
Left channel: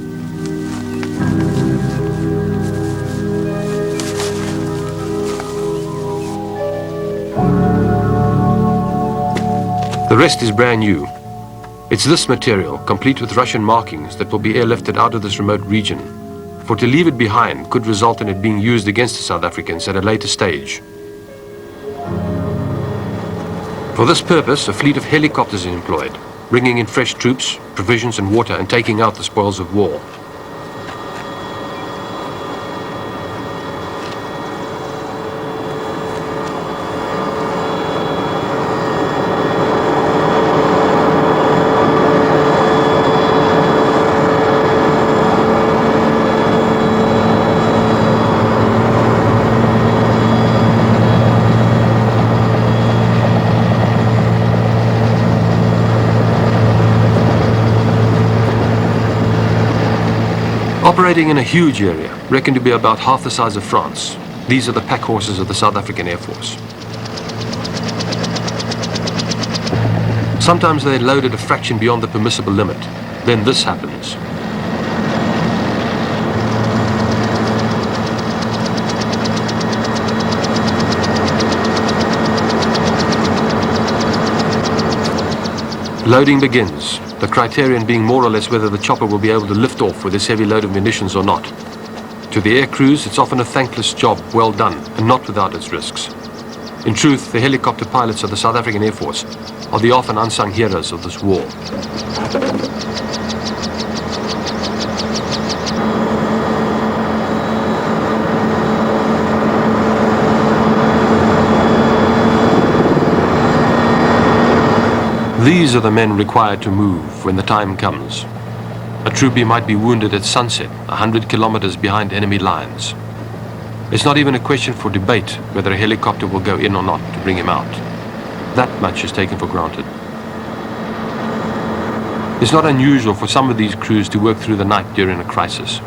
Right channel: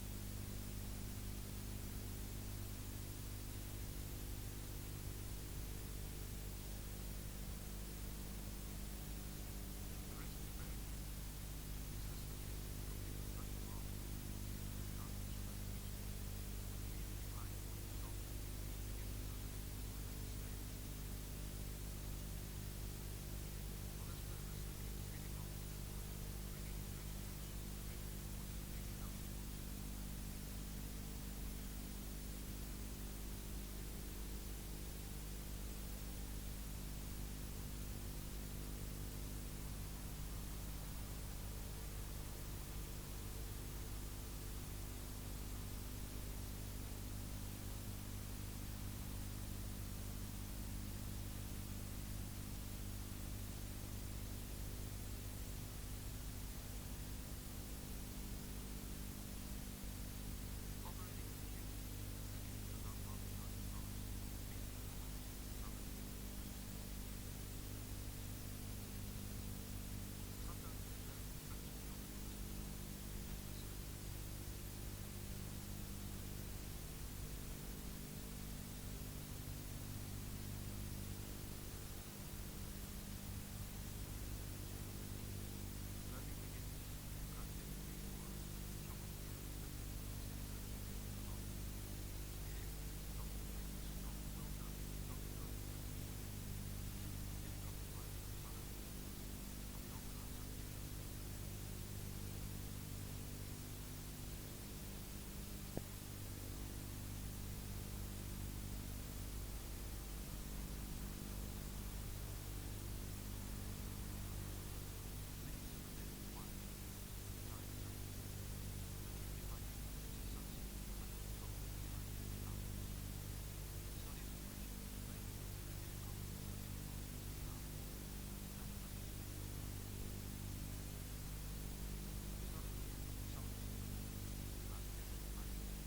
The rest is brand new. It's this material, complete with Russian markings, that will be airlifted out of this remote region. For to leave it behind could result in it being used against the South Africans at a later stage. For this purpose, a fleet of helicopters is employed, bringing in fresh troops, provisions and water, and taking out the spoils of war. Operating in a huge area, reckoned to be about half the size of France, these are the pack horses of the South African Air Force. Sometimes they're loaded a fraction beyond the permissible limit. Then this happens. Loading begins, the criterion being more or less whether the chopper will be able to lift off with this heavy load of munitions or not. To the air crews, it's often a thankless job, well done, and not without its risks. In truth, the helicopter pilots of the South African Air Force are the often unsung heroes of this war. These are the men required to move when the time comes. A troopie might be wounded at sunset, 100 kilometers behind enemy lines. It's not even a question for debate whether a helicopter will go in or not to bring him out. That much is taken for granted. It's not unusual for some of these crews to work through the night during a crisis.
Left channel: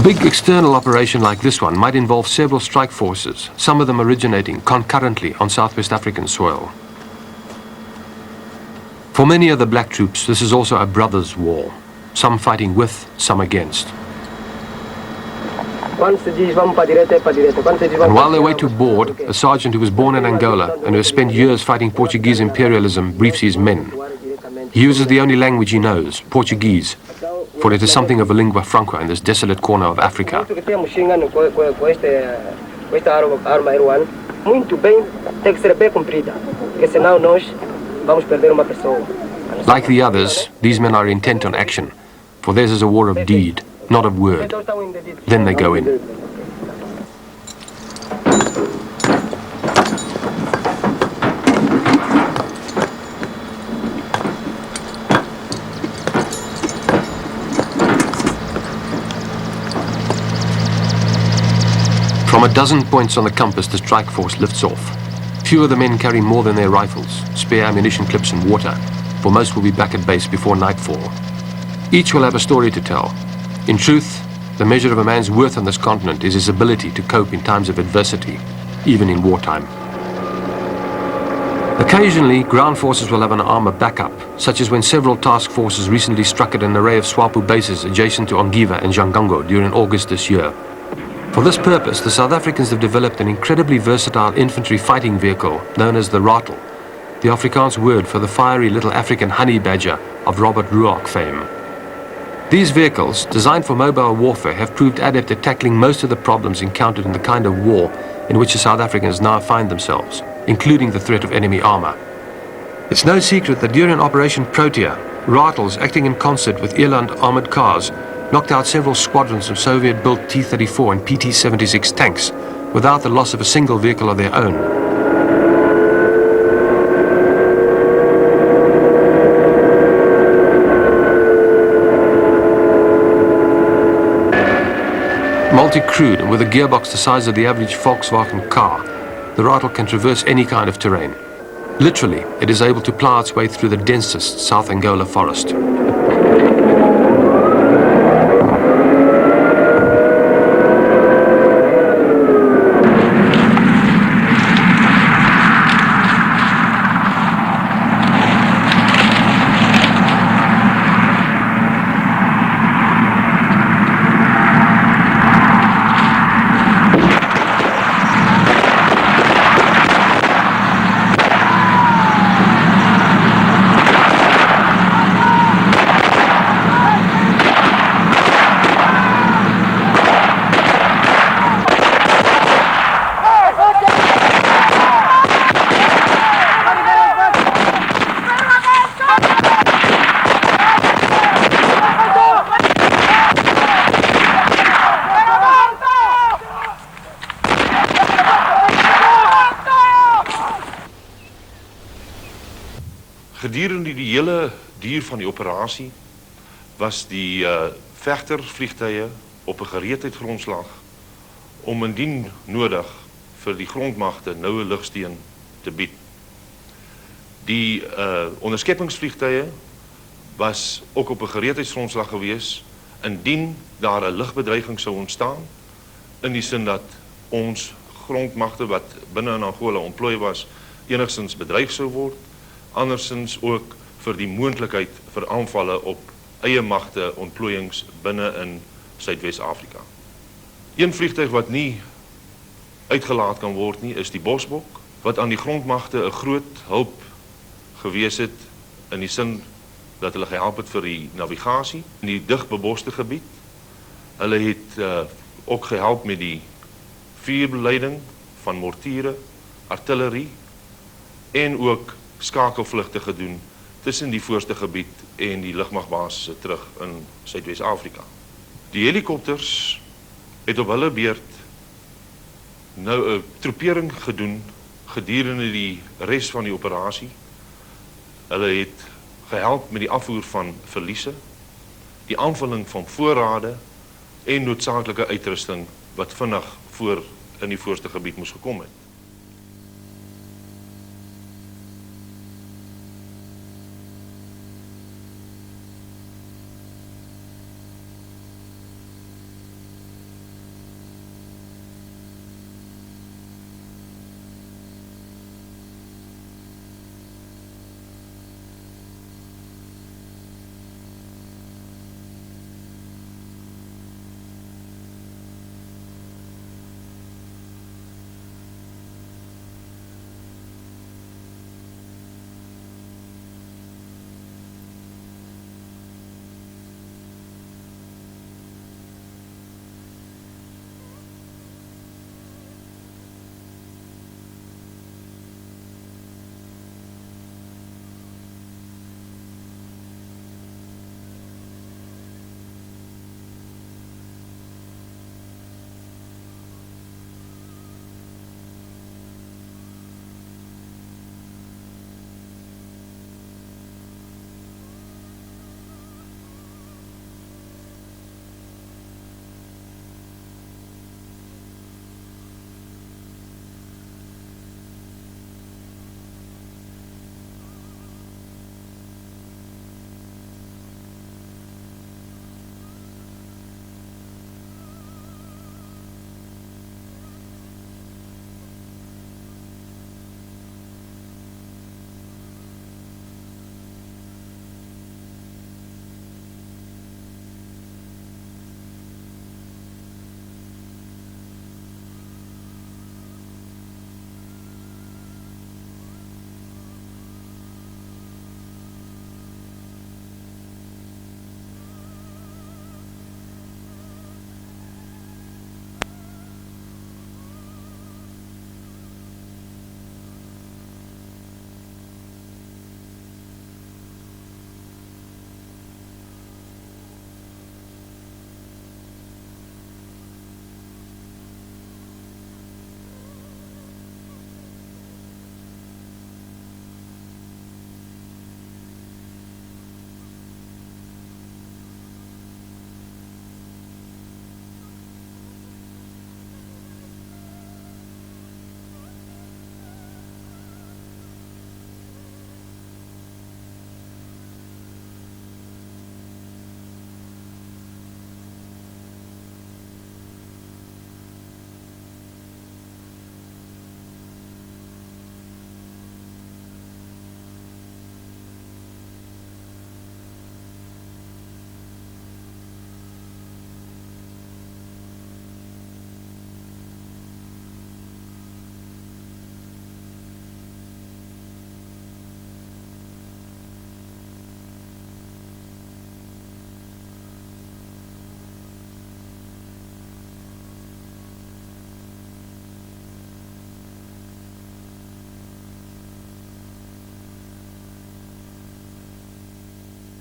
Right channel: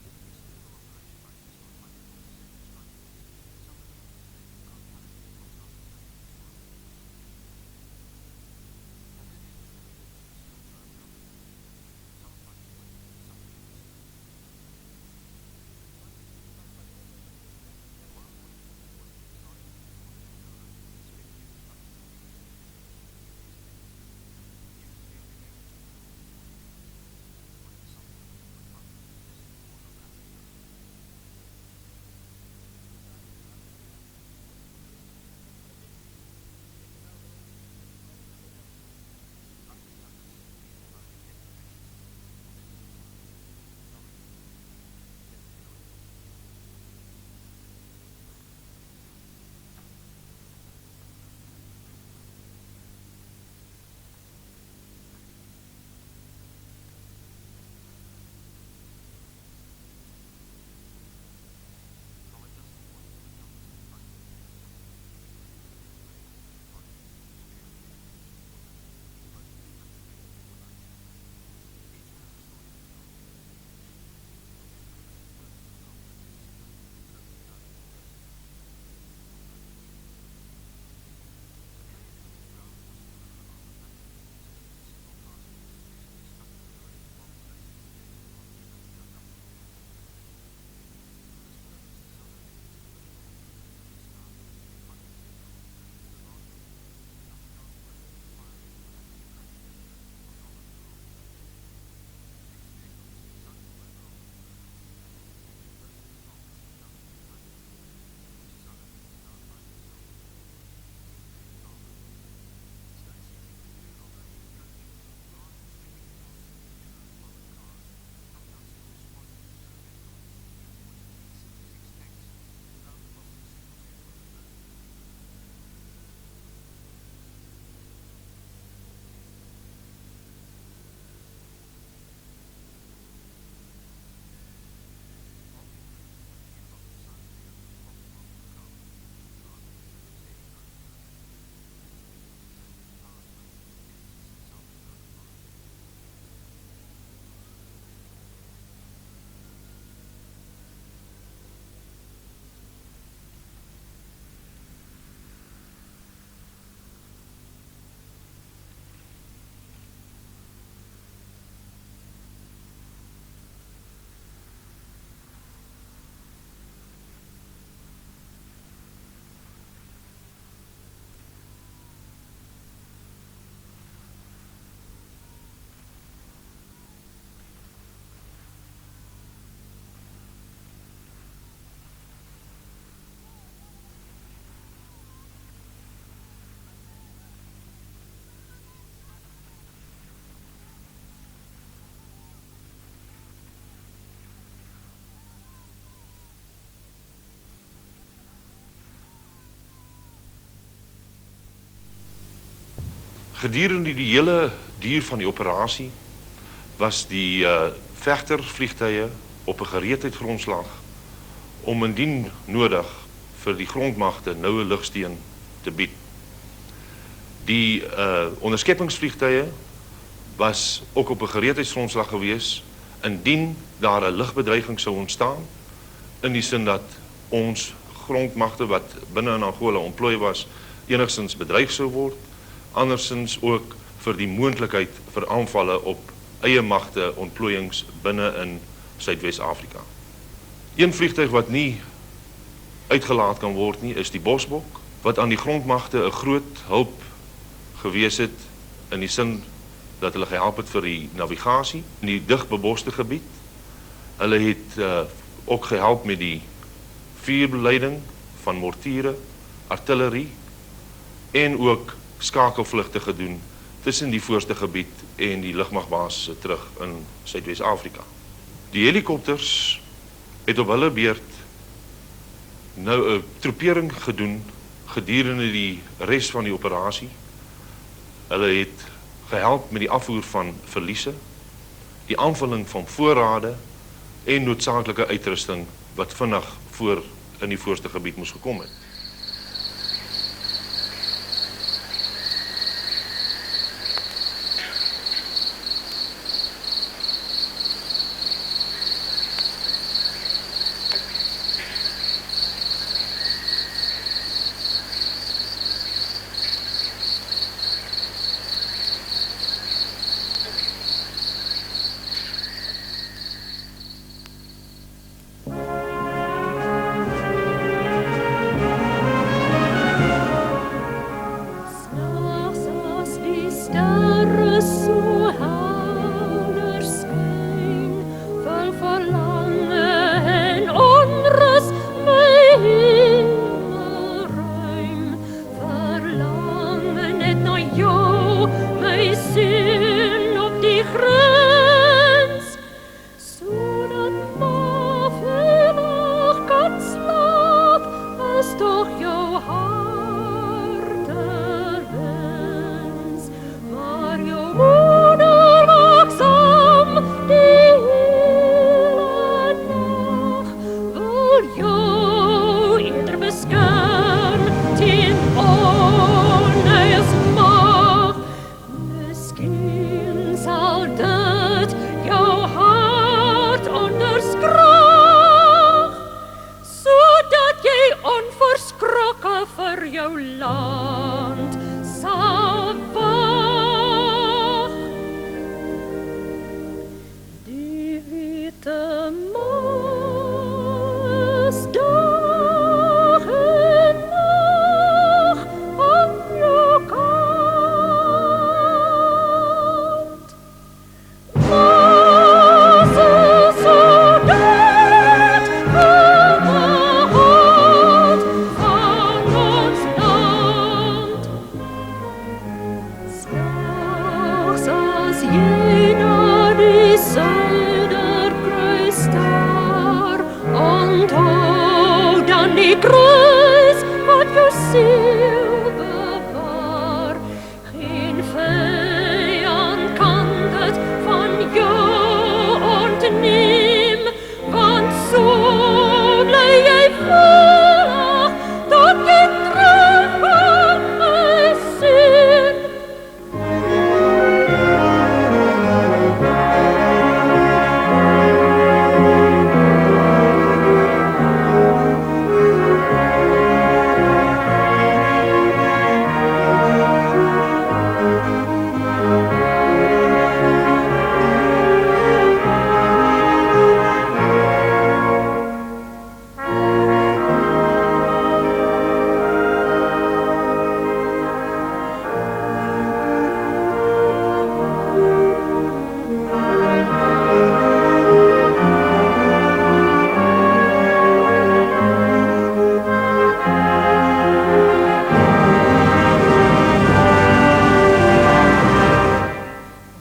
A big external operation like this one might involve several strike forces, some of them originating concurrently on Southwest African soil. For many of the black troops, this is also a brothers' war, some fighting with, some against. And while they wait to board, a sergeant who was born in Angola and who has spent years fighting Portuguese imperialism briefs his men. He uses the only language he knows, Portuguese, for it is something of a lingua franca in this desolate corner of Africa. Like the others, these men are intent on action, for theirs is a war of deed, not of word. Then they go in. From a dozen points on the compass, the strike force lifts off. Few of the men carry more than their rifles, spare ammunition clips and water, for most will be back at base before nightfall. Each will have a story to tell. In truth, the measure of a man's worth on this continent is his ability to cope in times of adversity, even in wartime. Occasionally, ground forces will have an armor backup, such as when several task forces recently struck at an array of SWAPO bases adjacent to Ongiva and Jangango during August this year. For this purpose, the South Africans have developed an incredibly versatile infantry fighting vehicle known as the rattle, the Afrikaans word for the fiery little African honey badger of Robert Ruark fame. These vehicles, designed for mobile warfare, have proved adept at tackling most of the problems encountered in the kind of war in which the South Africans now find themselves, including the threat of enemy armor. It's no secret that during Operation Protea, rattles acting in concert with Eland armored cars knocked out several squadrons of Soviet-built T-34 and PT-76 tanks without the loss of a single vehicle of their own. Multi-crewed and with a gearbox the size of the average Volkswagen car, the rattle can traverse any kind of terrain. Literally, it is able to plow its way through the densest South Angola forest. Gedurende die hele duur van die operasie was die vegtervliegtuie op 'n gereedheidsgrondslag om indien nodig vir die grondmagte noue lugsteun te bied. Die onderskeppingsvliegtuie was ook op 'n gereedheidsgrondslag gewees indien daar 'n lugbedreiging sou ontstaan, in die sin dat ons grondmagte wat binne in Angola ontplooi was enigstens bedreig sou word, andersins ook vir die moontlikheid vir aanvalle op eie magte ontplooiings binne in Suidwes-Afrika. Een vliegtuig wat nie uitgelaat kan word nie is die Bosbok, wat aan die grondmagte 'n groot hulp gewees het in die sin dat hulle gehelp het vir die navigasie in die digbeboste gebied. Hulle het ook gehelp met die vuurbeleiding van mortiere, artillerie en ook skakelvlugte gedoen tussen die voorste gebied en die lugmagbasisse terug in Suidwes-Afrika. Die helikopters het op hulle beurt nou 'n troepering gedoen gedurende die res van die operasie. Hulle het gehelp met die afvoer van verliese, die aanvulling van voorrade en noodsaaklike uitrusting wat vinnig voor in die voorste gebied moes gekom het.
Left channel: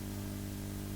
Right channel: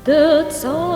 Dit sal